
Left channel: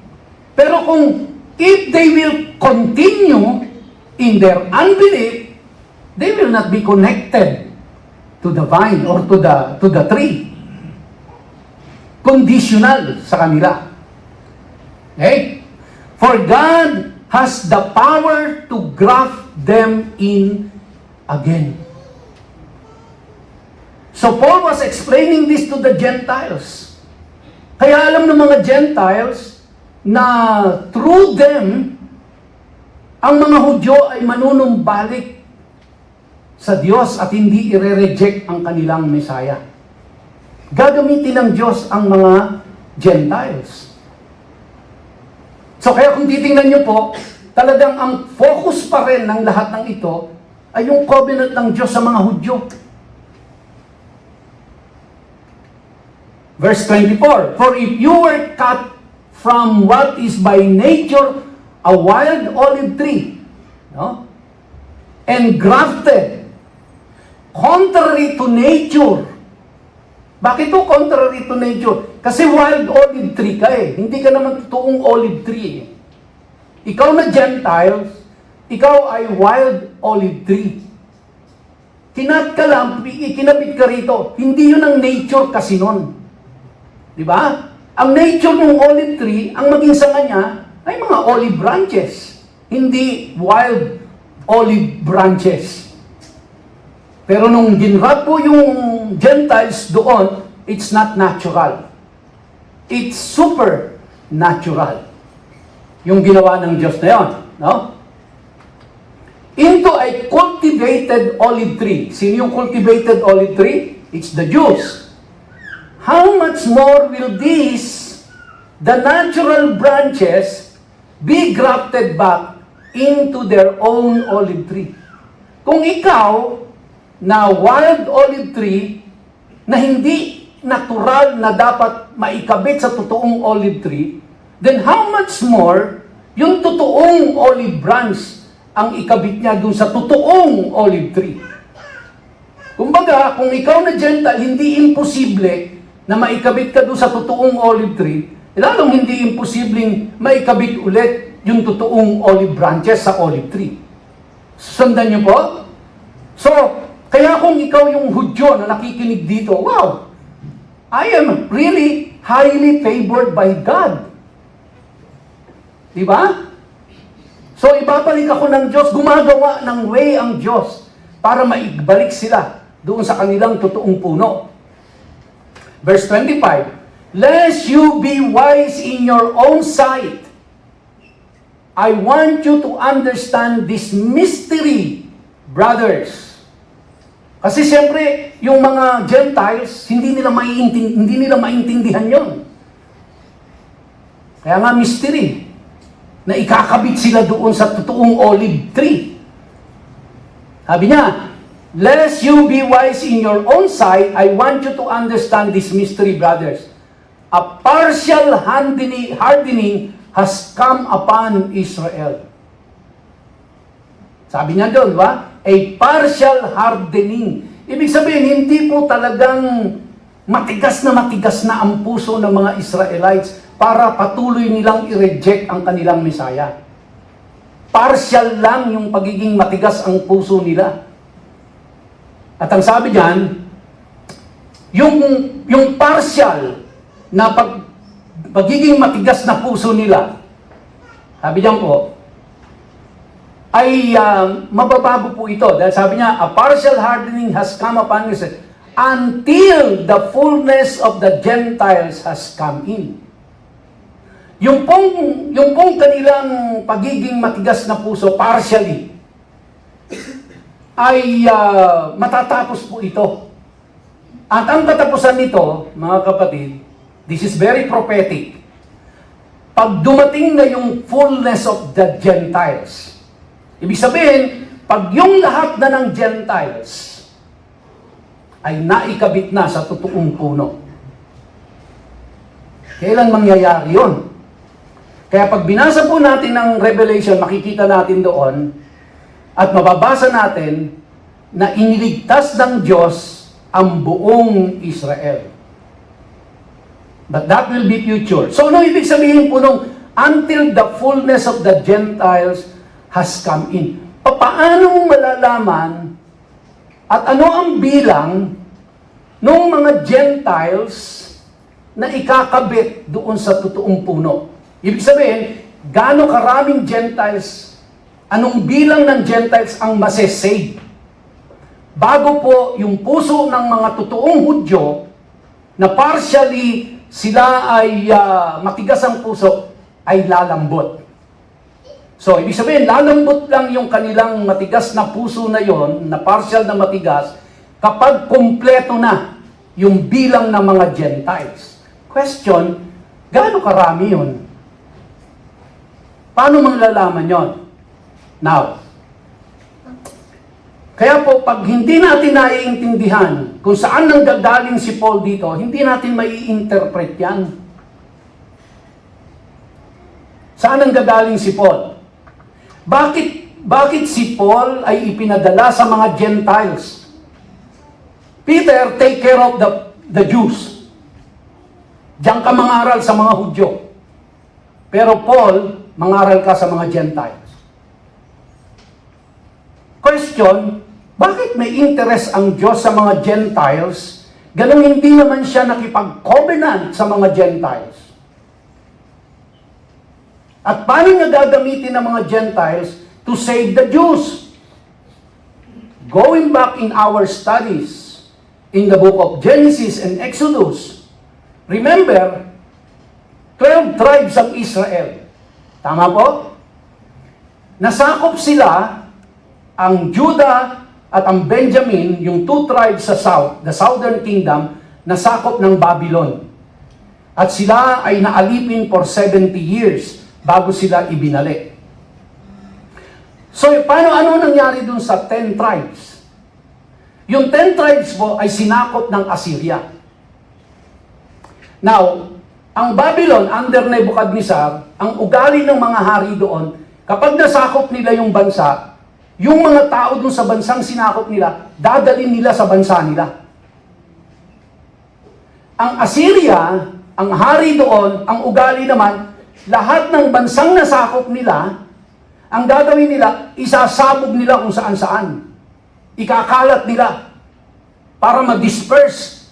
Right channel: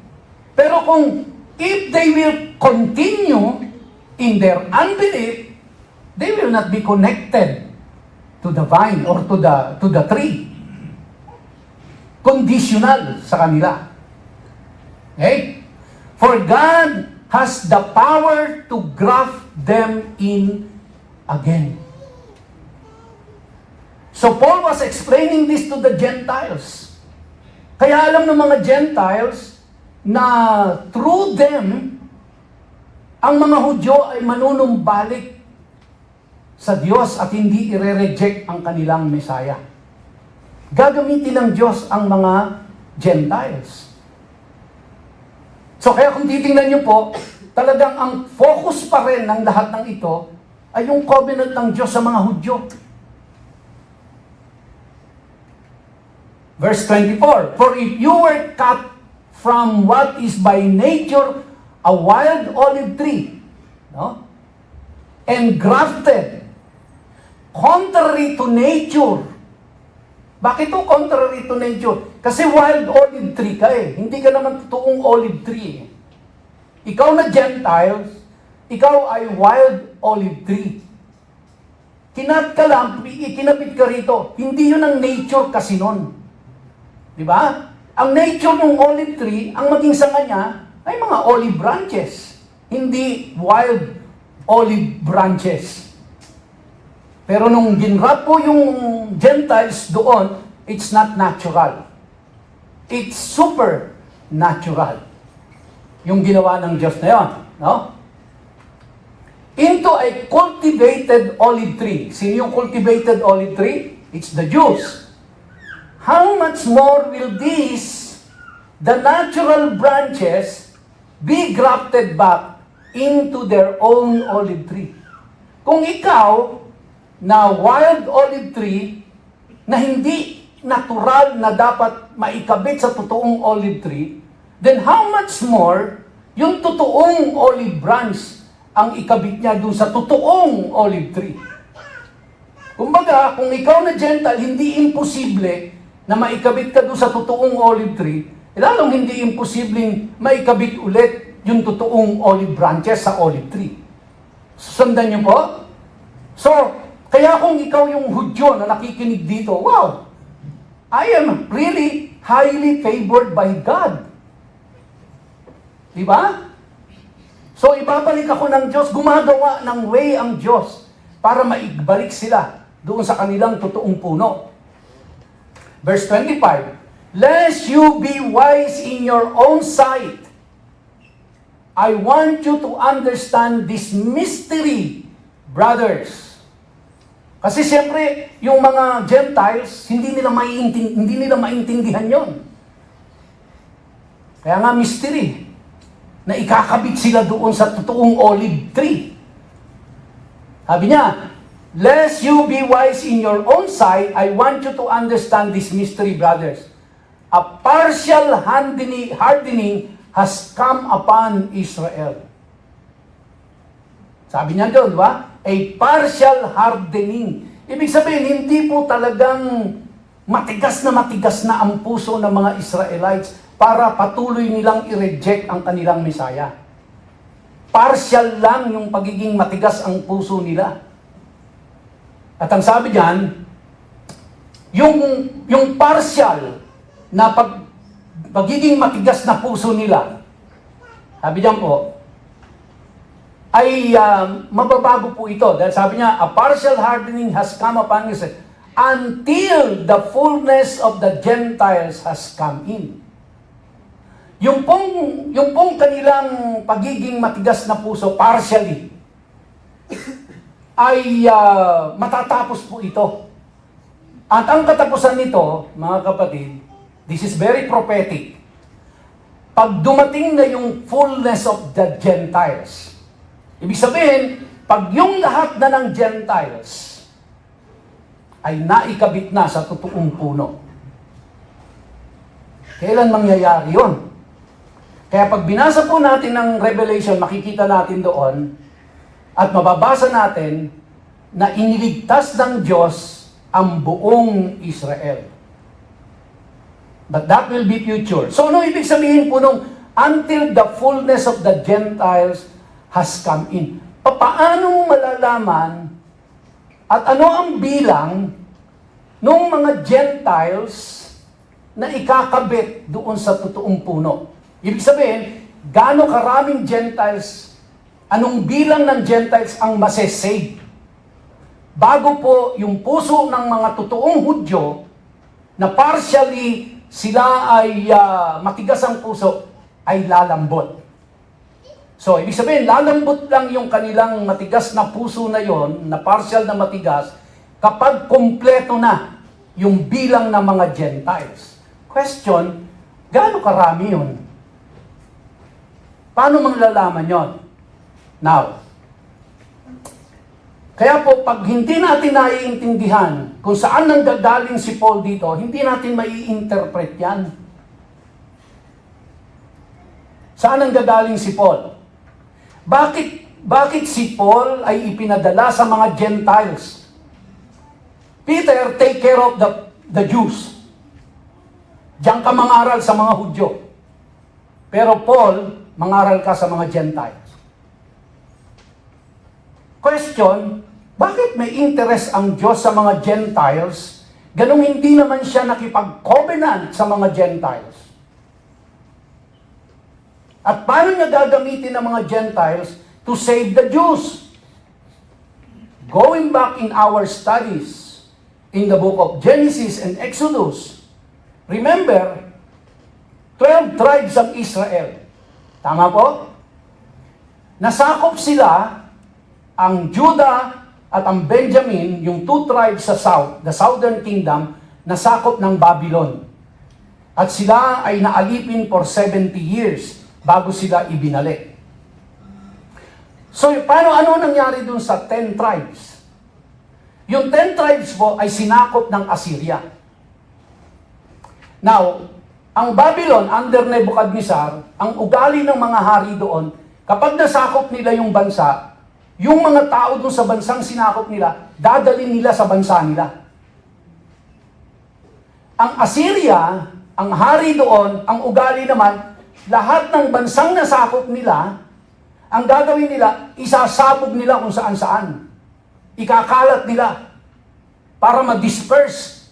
Pero kung if they will continue in their unbelief, they will not be connected to the vine or to the tree. Conditional sa kanila. Okay? For God has the power to graft them in again. So Paul was explaining this to the Gentiles. Kaya alam ng mga Gentiles na through them, ang mga Hudyo ay manunumbalik sa Diyos at hindi ire-reject ang kanilang Messiah. Gagamitin ng Diyos ang mga Gentiles. So kaya kung titingnan nyo po, talagang ang focus pa rin ng lahat ng ito ay yung covenant ng Diyos sa mga Hudyo. Verse 24, for if you were cut from what is by nature a wild olive tree, no? And grafted, contrary to nature. Bakit to contrary to nature? Kasi wild olive tree ka eh. Hindi ka naman totoong olive tree eh. Ikaw na Gentiles, ikaw ay wild olive tree. Kinat ka lang, ikinabit ka rito. Hindi yun ang nature kasi nun. Di ba? Ang nature ng olive tree, ang maging sanga niya, ay mga olive branches. Hindi wild olive branches. Pero nung ginrap po yung Gentiles doon, it's not natural. It's supernatural. Yung ginawa ng Diyos na yun. No? Into a cultivated olive tree. Sino yung cultivated olive tree? It's the Jews. how much more will these, the natural branches, be grafted back into their own olive tree? Kung ikaw, na wild olive tree, na hindi natural na dapat maikabit sa totoong olive tree, then how much more yung totoong olive branch ang ikabit niya dun sa totoong olive tree? Kumbaga, kung ikaw na Gentile, hindi imposible na maikabit ka dun sa totoong olive tree, lalong hindi imposibleng maikabit ulit yung totoong olive branches sa olive tree. Sundan niyo po? So, kaya kung ikaw yung Hudyo na nakikinig dito, wow, I am really highly favored by God. Di ba? So, ibabalik ako ng Diyos, gumagawa ng way ang Diyos para maibalik sila doon sa kanilang totoong puno. Verse 25, lest you be wise in your own sight, I want you to understand this mystery, brothers. Kasi siyempre, yung mga Gentiles, hindi nila maintindihan yon. Kaya nga mystery, na ikakabit sila doon sa totoong olive tree. Sabi niya, lest you be wise in your own sight, I want you to understand this mystery, brothers. A partial hardening has come upon Israel. Sabi niya doon, ba? A partial hardening. Ibig sabihin, hindi po talagang matigas na ang puso ng mga Israelites para patuloy nilang i-reject ang kanilang Messiah. Partial lang yung pagiging matigas ang puso nila. At ang sabi diyan, yung partial na pagiging matigas na puso nila, sabi diyan po, ay mababago po ito. Dahil sabi niya, a partial hardening has come upon Israel until the fullness of the Gentiles has come in. Yung pong kanilang pagiging matigas na puso, partially, ay matatapos po ito. At ang katapusan nito, mga kapatid, this is very prophetic. Pag dumating na yung fullness of the Gentiles, ibig sabihin, pag yung lahat na ng Gentiles ay naikabit na sa totoong puno, kailan mangyayari yun? Kaya pag binasa po natin ang Revelation, makikita natin doon at mababasa natin na iniligtas ng Diyos ang buong Israel. But that will be future. So, ano ibig sabihin po nung until the fullness of the Gentiles has come in? Paano malalaman at ano ang bilang ng mga Gentiles na ikakabit doon sa totoong puno? Ibig sabihin, gaano karaming Gentiles, anong bilang ng Gentiles ang masesave? Bago po yung puso ng mga totoong Hudyo na partially sila ay matigas ang puso, ay lalambot. So, ibig sabihin, lalambot lang yung kanilang matigas na puso na yon, na partial na matigas, kapag kumpleto na yung bilang ng mga Gentiles. Question, gaano karami yun? Paano manglalaman yon? Now, kaya po, pag hindi natin naiintindihan kung saan nanggagaling si Paul dito, hindi natin mai-interpret yan. Saan nanggagaling si Paul? Bakit si Paul ay ipinadala sa mga Gentiles? Peter, take care of the Jews. Diyan ka mangaral sa mga Hudyo. Pero Paul, mangaral ka sa mga Gentiles. Question, bakit may interest ang Diyos sa mga Gentiles, ganun hindi naman siya nakipag-covenant sa mga Gentiles? At paano niya gagamitin ng mga Gentiles to save the Jews? Going back in our studies in the book of Genesis and Exodus, remember, 12 tribes ang Israel. Tama po? Nasakop sila, ang Judah at ang Benjamin, yung 2 tribes sa south, the southern kingdom, nasakop ng Babylon. At sila ay naalipin for 70 years bago sila ibinalik. So, ano nangyari dun sa 10 tribes? Yung 10 tribes po ay sinakop ng Assyria. Now, ang Babylon under Nebuchadnezzar, ang ugali ng mga hari doon, kapag nasakop nila yung bansa, yung mga tao doon sa bansang sinakop nila, dadalhin nila sa bansa nila. Ang Assyria, ang hari doon, ang ugali naman, lahat ng bansang nasakop nila, ang gagawin nila, isasabog nila kung saan-saan. Ikakalat nila para ma-disperse.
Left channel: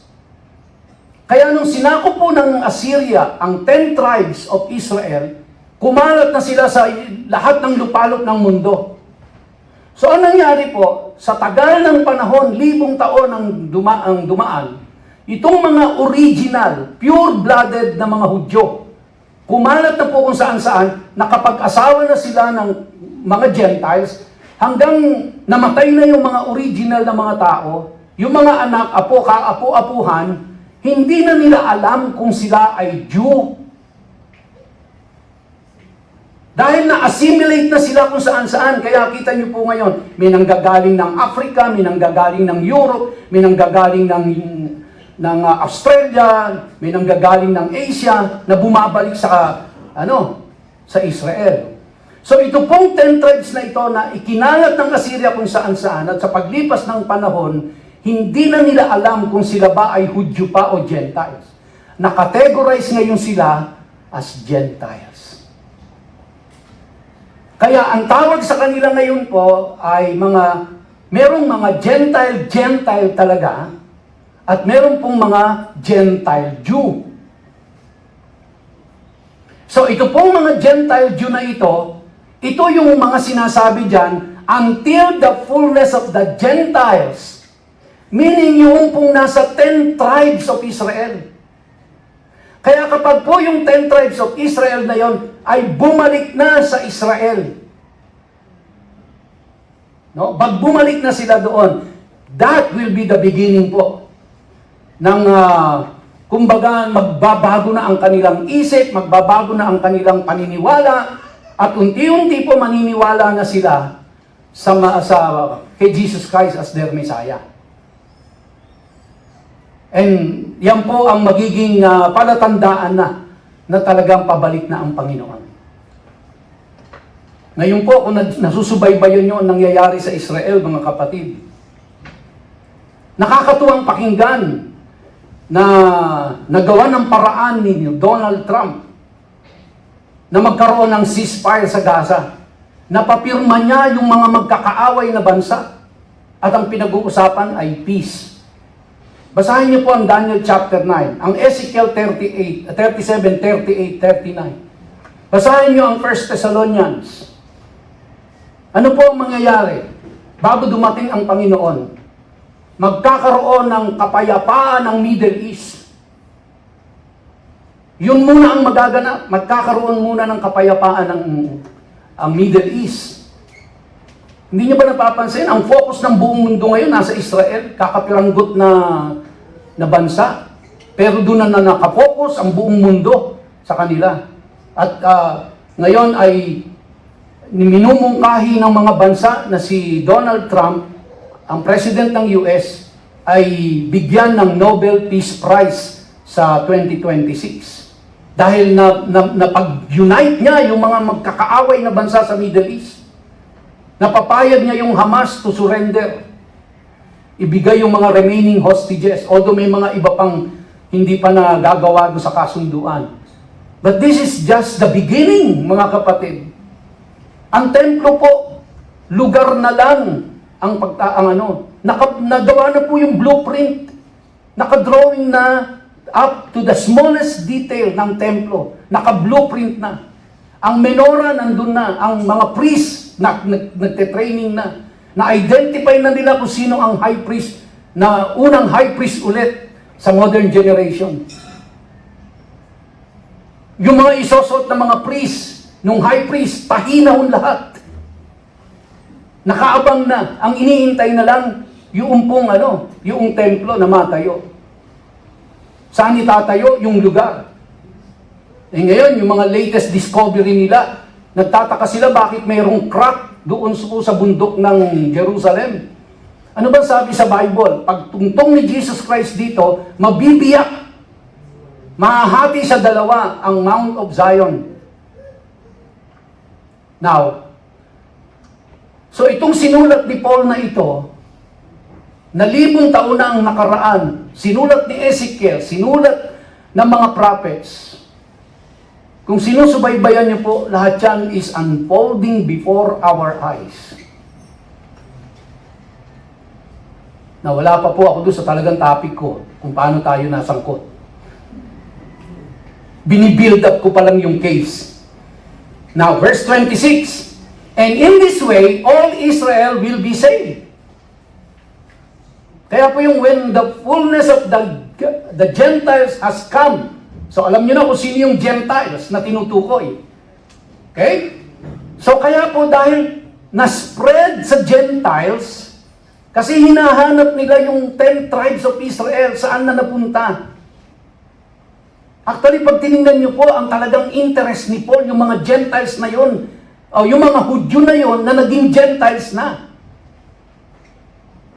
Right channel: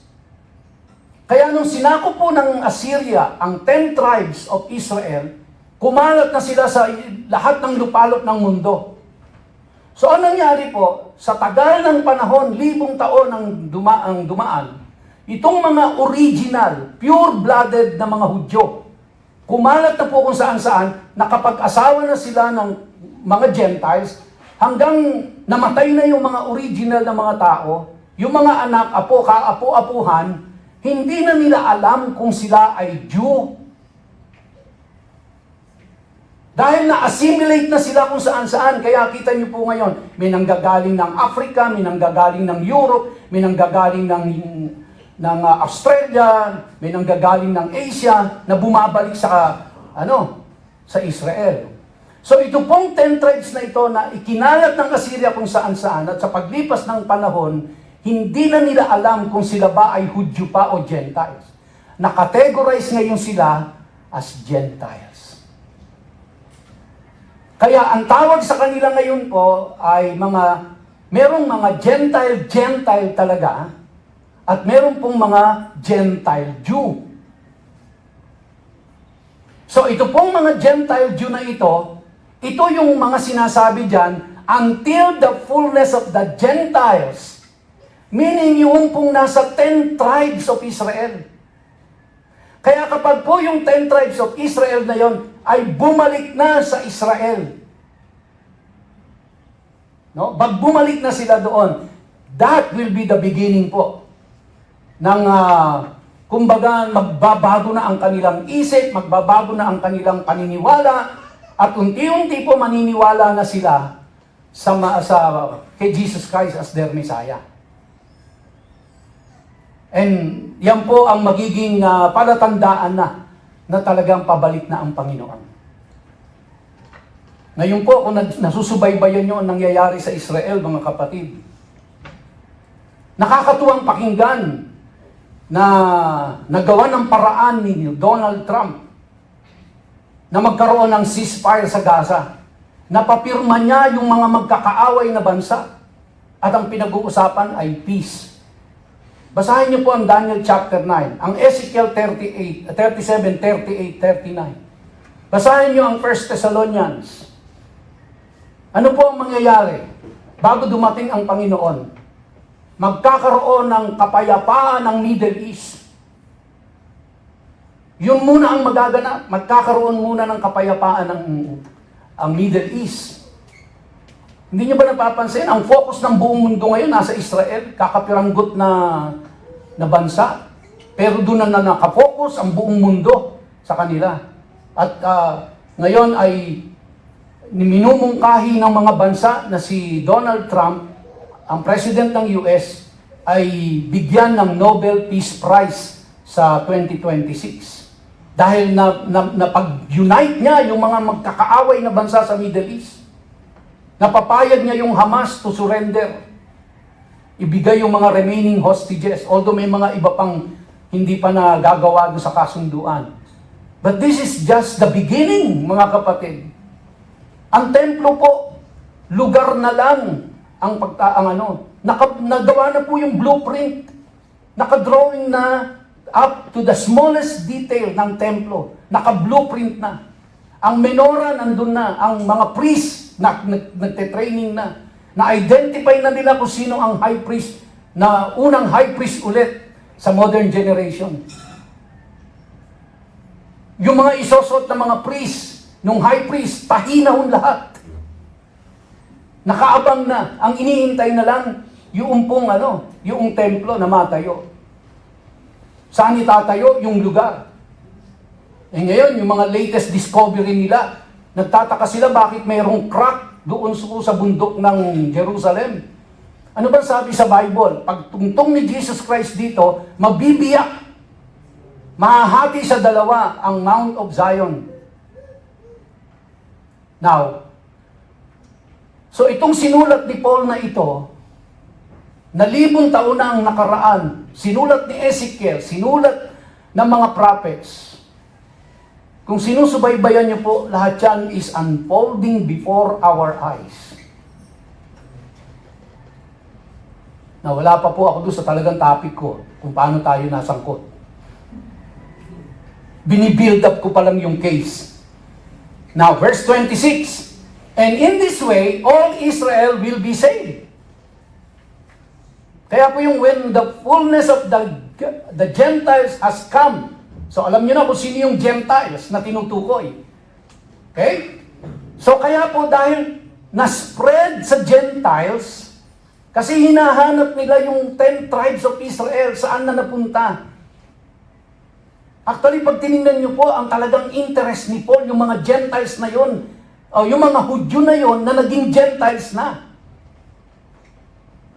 Kaya nung sinakop po ng Assyria ang 10 tribes of Israel, kumalat na sila sa lahat ng lupalop ng mundo. So ang nangyari po, sa tagal ng panahon, 1,000 taon ang dumaan, itong mga original, pure-blooded na mga Hudyo, kumalat na po kung saan-saan, nakapag-asawa na sila ng mga Gentiles, hanggang namatay na yung mga original na mga tao, yung mga anak, apo, kaapo-apuhan, hindi na nila alam kung sila ay Jew. Dahil na-assimilate na sila kung saan-saan. Kaya kita niyo po ngayon, may nanggagaling ng Africa, may nanggagaling ng Europe, may nanggagaling ng Australia, may nanggagaling ng Asia, na bumabalik sa Israel. So ito pong 10 tribes na ito na ikinalat ng Assyria kung saan-saan, at sa paglipas ng panahon, hindi na nila alam kung sila ba ay Hudyo pa o Gentiles. Nakategorize ngayon sila as Gentiles. Kaya ang tawag sa kanila ngayon po ay merong mga Gentile talaga, at meron pong mga Gentile Jew. So ito pong mga Gentile Jew na ito yung mga sinasabi dyan, until the fullness of the Gentiles, meaning yung pong nasa 10 tribes of Israel. Kaya kapag po yung 10 tribes of Israel na yon ay bumalik na sa Israel, no? Pag bumalik na sila doon, that will be the beginning po ng kumbaga magbabago na ang kanilang isip, magbabago na ang kanilang paniniwala, at unti-unti po maniniwala na sila kay Jesus Christ as their Messiah. And yan po ang magiging palatandaan na talagang pabalik na ang Panginoon. Ngayon po, kung nasusubaybayan nyo ang nangyayari sa Israel, mga kapatid, nakakatuwang pakinggan na nagawa ng paraan ni Donald Trump na magkaroon ng ceasefire sa Gaza. Napapirma niya yung mga magkakaaway na bansa, at ang pinag-uusapan ay peace. Basahin niyo po ang Daniel chapter 9, ang Ezekiel 37, 38, 39. Basahin niyo ang 1 Thessalonians. Ano po ang mangyayari bago dumating ang Panginoon? Magkakaroon ng kapayapaan ng Middle East. Yun muna ang magaganap. Magkakaroon muna ng kapayapaan ang Middle East. Hindi niyo ba napapansin? Ang focus ng buong mundo ngayon nasa Israel, kakapiranggot na bansa. Pero doon na nakafocus ang buong mundo sa kanila. At ngayon ay minumungkahi ng mga bansa na si Donald Trump, ang president ng US, ay bigyan ng Nobel Peace Prize sa 2026. Dahil napag-unite niya yung mga magkakaaway na bansa sa Middle East. Napapayag niya yung Hamas to surrender. Ibigay yung mga remaining hostages, although may mga iba pang hindi pa nagagawa doon sa kasunduan. But this is just the beginning, mga kapatid. Ang templo po, lugar na lang nagawa na po yung blueprint. Nakadrawing na up to the smallest detail ng templo. Naka-blueprint na. Ang menorah nandun na. Ang mga priests nagte-training na. Na-identify na nila kung sino ang high priest, na unang high priest ulit sa modern generation. Yung mga isosot na mga priest, nung high priest, pahinahon lahat. Nakaabang na. Ang iniintay na lang yung templo na matayo. Saan itatayo yung lugar? Eh ngayon, yung mga latest discovery nila, nagtataka sila bakit mayroong crack doon sa bundok ng Jerusalem. Ano ba sabi sa Bible? Pag tungtong ni Jesus Christ dito, mabibiyak. Mahahati sa dalawa ang Mount of Zion. Now, so itong sinulat ni Paul na ito, na 1,000 taon na ang nakaraan, sinulat ni Ezekiel, sinulat ng mga prophets. Kung sinusubaybayan niyo po, lahat yan is unfolding before our eyes. Na wala pa po ako doon sa talagang topic ko, kung paano tayo nasangkot. Binibuild up ko pa lang yung case. Now, verse 26, and in this way, all Israel will be saved. Kaya po yung when the fullness of the Gentiles has come. So alam niyo na kung sino yung Gentiles na tinutukoy. Okay? So kaya po dahil na-spread sa Gentiles, kasi hinahanap nila yung 10 tribes of Israel, saan na napunta. Actually, pag tinignan niyo po, ang talagang interest ni Paul, yung mga Gentiles na yon, o yung mga Hudyo na yon na naging Gentiles na.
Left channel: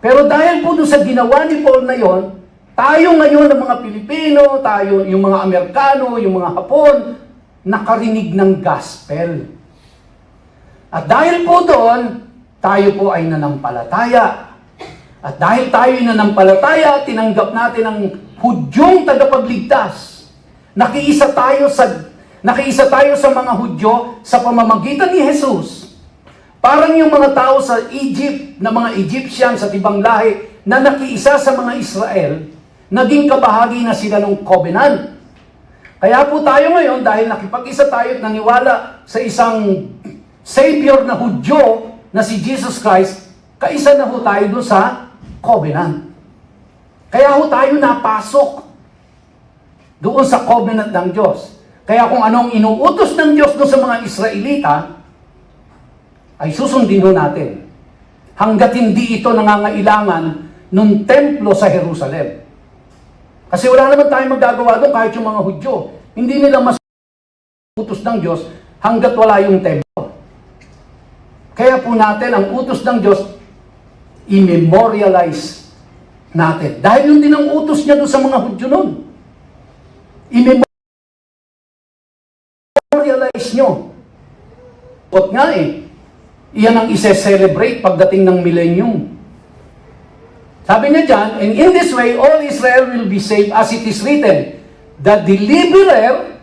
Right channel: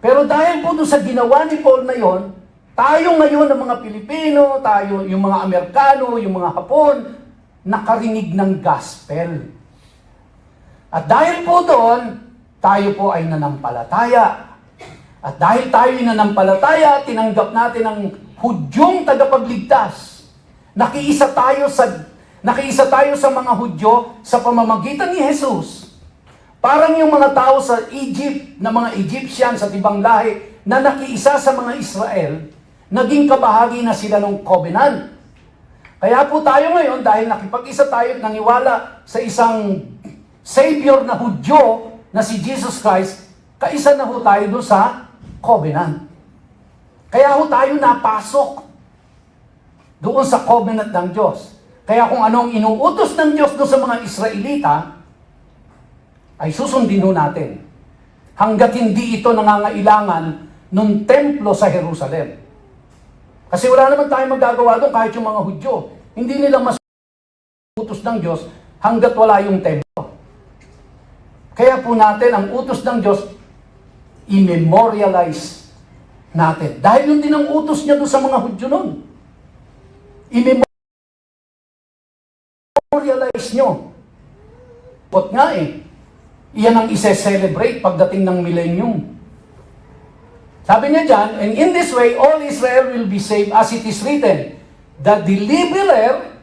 Pero dahil po doon sa ginawa ni Paul na yon, tayo ngayon ng mga Pilipino, tayo yung mga Amerikano, yung mga Hapon, nakarinig ng gospel. At dahil po doon, tayo po ay nanampalataya. At dahil tayo ay nanampalataya, tinanggap natin ang Hudyong tagapagligtas. Nakiisa tayo sa mga Hudyo sa pamamagitan ni Jesus. Parang yung mga tao sa Egypt, na mga Egyptian sa ibang lahi, na nakiisa sa mga Israel, naging kabahagi na sila ng covenant. Kaya po tayo ngayon, dahil nakipag-isa tayo at naniwala sa isang Savior na Hudyo, na si Jesus Christ, kaisa na ho tayo doon sa covenant. Kaya ho tayo napasok doon sa covenant ng Diyos. Kaya kung anong inuutos ng Diyos doon sa mga Israelita, ay susundin ho natin. Hanggat hindi ito nangangailangan nung templo sa Jerusalem. Kasi wala naman tayong magagawa doon kahit yung mga Hudyo. Hindi nila utos ng Diyos hanggat wala yung templo. Kaya po natin, ang utos ng Diyos, i-memorialize natin. Dahil yung din ang utos niya doon sa mga Hudyo noon. I-memorialize nyo. At nga iyan ang ise-celebrate pagdating ng millennium. Sabi niya dyan, and in this way, all Israel will be saved as it is written, the deliverer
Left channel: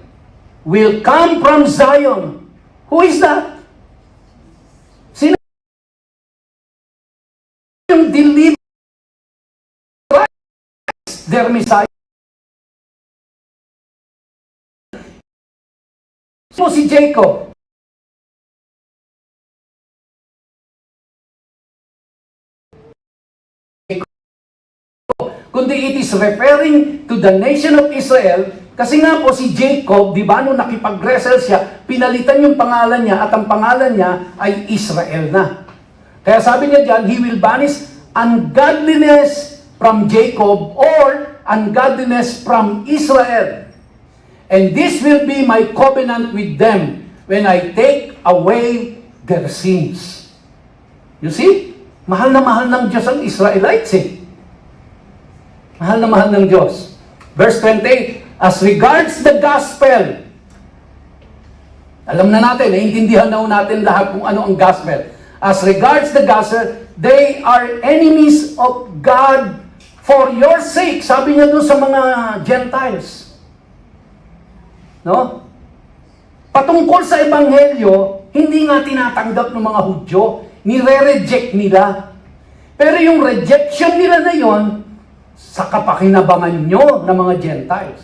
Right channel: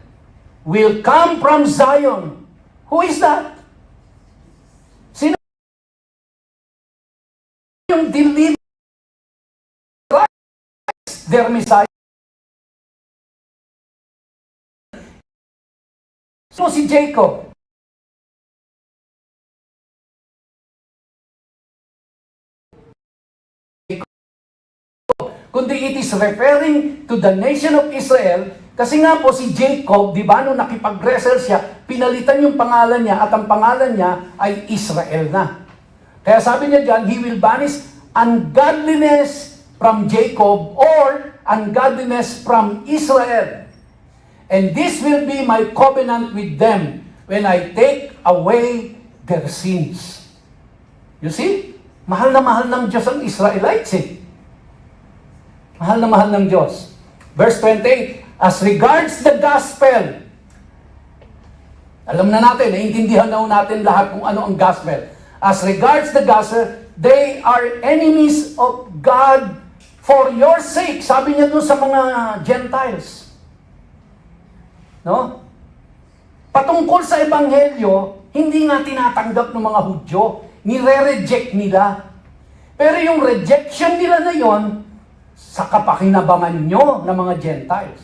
will come from Zion. Who is that? Sino yung deliverer? Their Messiah. So si Jacob, kundi it is referring to the nation of Israel, kasi nga po si Jacob, di ba, nung nakipag-wrestle siya, pinalitan yung pangalan niya at ang pangalan niya ay Israel na. Kaya sabi niya dyan, he will banish ungodliness from Jacob or ungodliness from Israel. And this will be my covenant with them when I take away their sins. You see? Mahal na mahal ng Diyos ang Israelites Mahal na mahal ng Diyos. Verse 28, as regards the gospel, alam na natin, naiintindihan na natin lahat kung ano ang gospel. As regards the gospel, they are enemies of God for your sake. Sabi niya doon sa mga Gentiles. No? Patungkol sa Ebanghelyo, hindi nga tinatanggap ng mga Hudyo, nire-reject nila. Pero yung rejection nila na yon, sa kapakinabangan nyo ng mga Gentiles.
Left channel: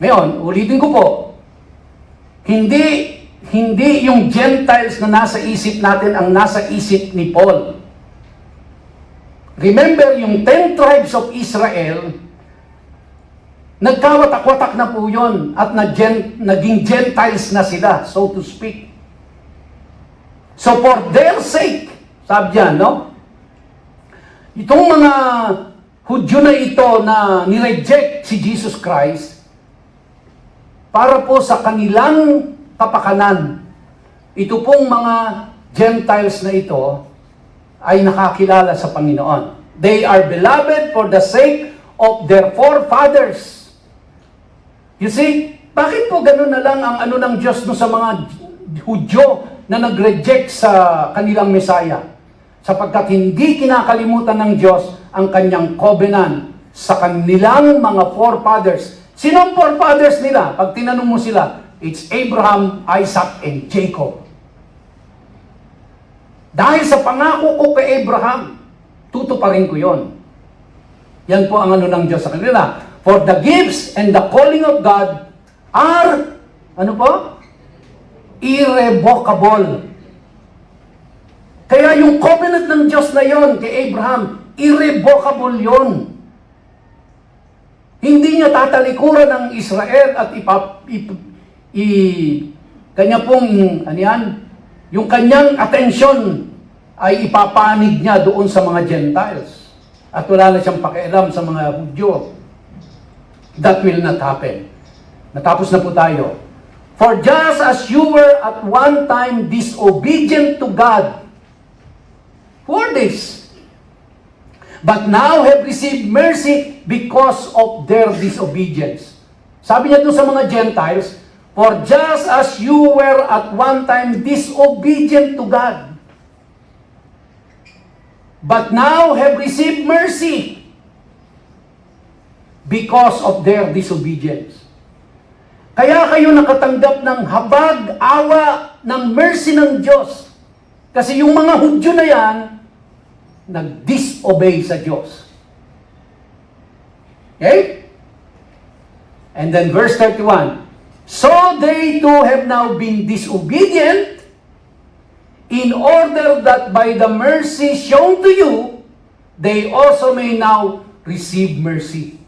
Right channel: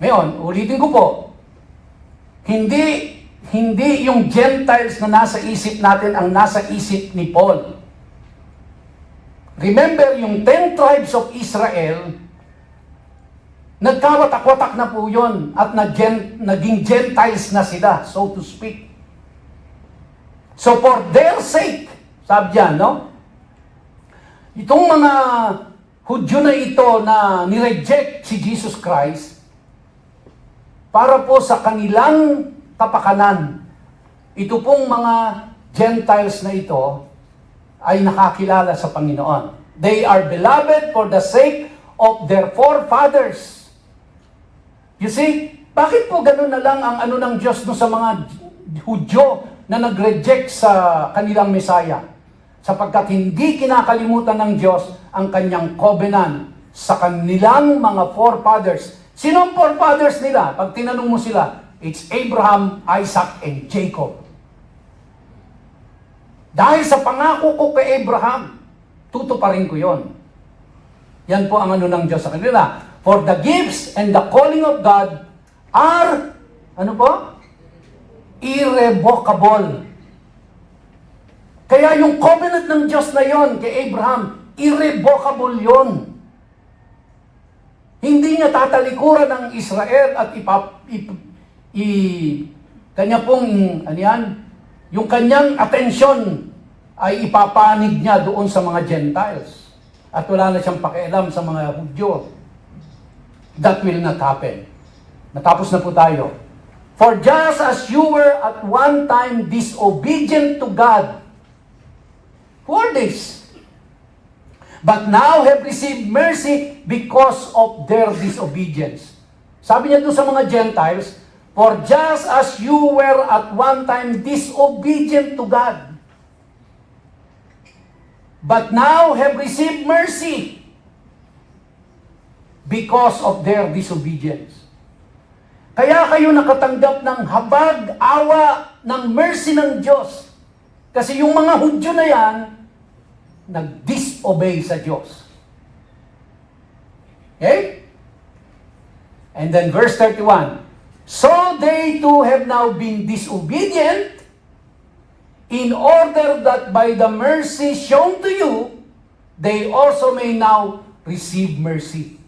Ngayon, ulitin ko po, hindi yung Gentiles na nasa isip natin ang nasa isip ni Paul. Remember, yung 10 tribes of Israel, nagkawatak-watak na po yun at naging Gentiles na sila, so to speak. So for their sake, sabi dyan, no? Itong mga Hudyo na ito na nireject si Jesus Christ para po sa kanilang kapakanan. Ito pong mga Gentiles na ito ay nakakilala sa Panginoon. They are beloved for the sake of their forefathers. You see, bakit po ganun na lang ang ano ng Diyos no sa mga Hudyo na nag-reject sa kanilang Messiah? Sapagkat hindi kinakalimutan ng Diyos ang kanyang covenant sa kanilang mga forefathers. Sino ang forefathers nila? Pag tinanong mo sila, it's Abraham, Isaac, and Jacob. Dahil sa pangako ko kay Abraham, tutuparin ko yon. Yan po ang ano ng Diyos sa kanila. For the gifts and the calling of God are, ano po? Irrevocable. Kaya yung covenant ng Diyos na yon kay Abraham, irrevocable yon. Hindi niya tatalikuran ng Israel at kanya pong, ano yan, yung kanyang atensyon ay ipapanig niya doon sa mga Gentiles. At wala na siyang pakialam sa mga Hudyo. That will not happen. Natapos na po tayo. For just as you were at one time disobedient to God, who are this? But now have received mercy because of their disobedience. Sabi niya doon sa mga Gentiles, for just as you were at one time disobedient to God, but now have received mercy because of their disobedience. Kaya kayo nakatanggap ng habag, awa, ng mercy ng Diyos. Kasi yung mga Hudyo na yan, nag-disobey sa Diyos. Okay? And then verse 31, so they too have now been disobedient in order that by the mercy shown to you, they also may now receive mercy.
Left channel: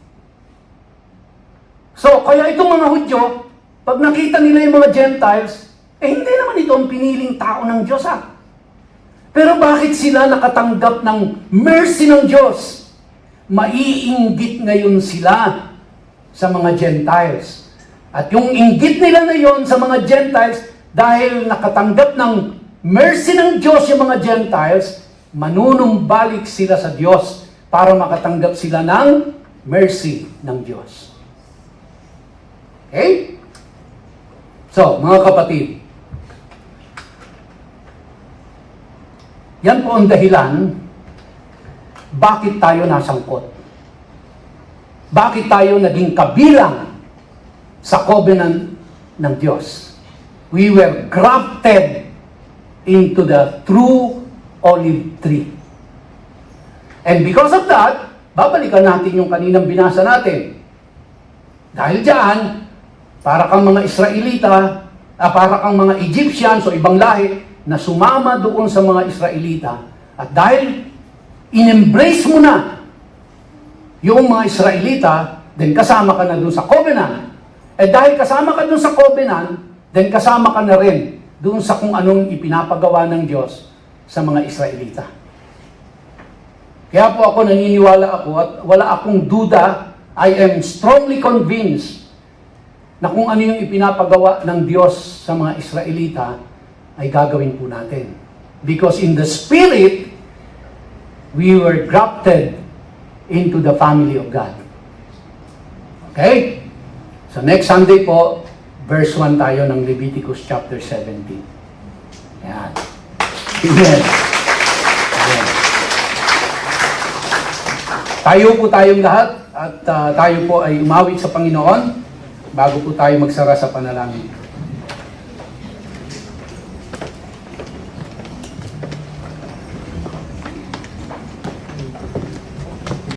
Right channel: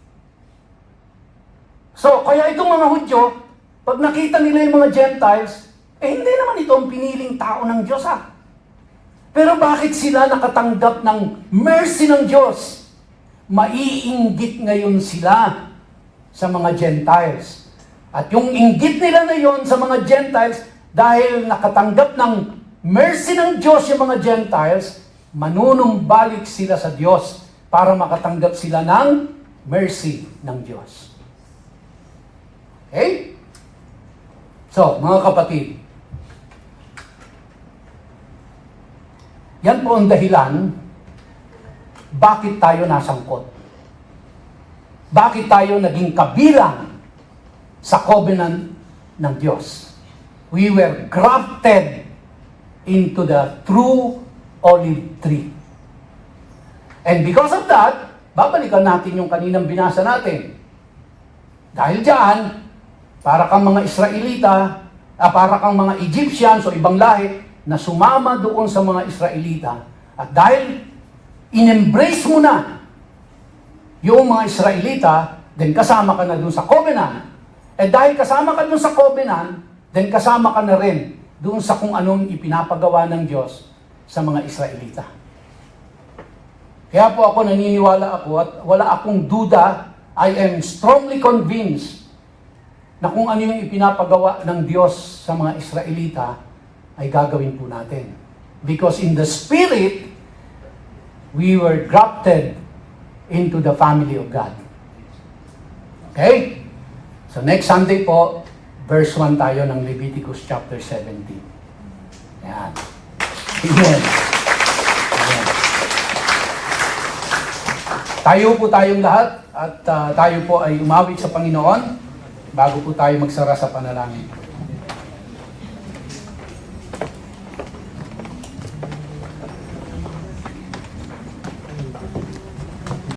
So, kaya itong mga Hudyo, pag nakita nila yung mga Gentiles, hindi naman ito ang piniling tao ng Diyos Pero bakit sila nakatanggap ng mercy ng Diyos? Maiinggit ngayon sila sa mga Gentiles. At yung inggit nila ngayon sa mga Gentiles, dahil nakatanggap ng mercy ng Diyos yung mga Gentiles, manunumbalik sila sa Diyos para makatanggap sila ng mercy ng Diyos. Okay? So, mga kapatid, yan po ang dahilan bakit tayo nasangkot. Bakit tayo naging kabilang sa covenant ng Diyos. We were grafted into the true olive tree. And because of that, babalikan natin yung kaninang binasa natin. Dahil dyan, para kang mga Israelita, para kang mga Egyptians o ibang lahi, na sumama doon sa mga Israelita. At dahil in-embrace mo na yung mga Israelita, then kasama ka na doon sa covenant. At dahil kasama ka doon sa covenant, then kasama ka na rin doon sa kung anong ipinapagawa ng Diyos sa mga Israelita. Kaya po ako naniniwala ako at wala akong duda, I am strongly convinced na kung ano yung ipinapagawa ng Diyos sa mga Israelita, ay gagawin po natin. Because in the Spirit, we were grafted into the family of God. Okay? So next Sunday po, verse 1 tayo ng Leviticus chapter 17. Yan. Amen. Amen. Tayo po tayong lahat at tayo po ay umawit sa Panginoon bago po tayo magsara sa panalangin.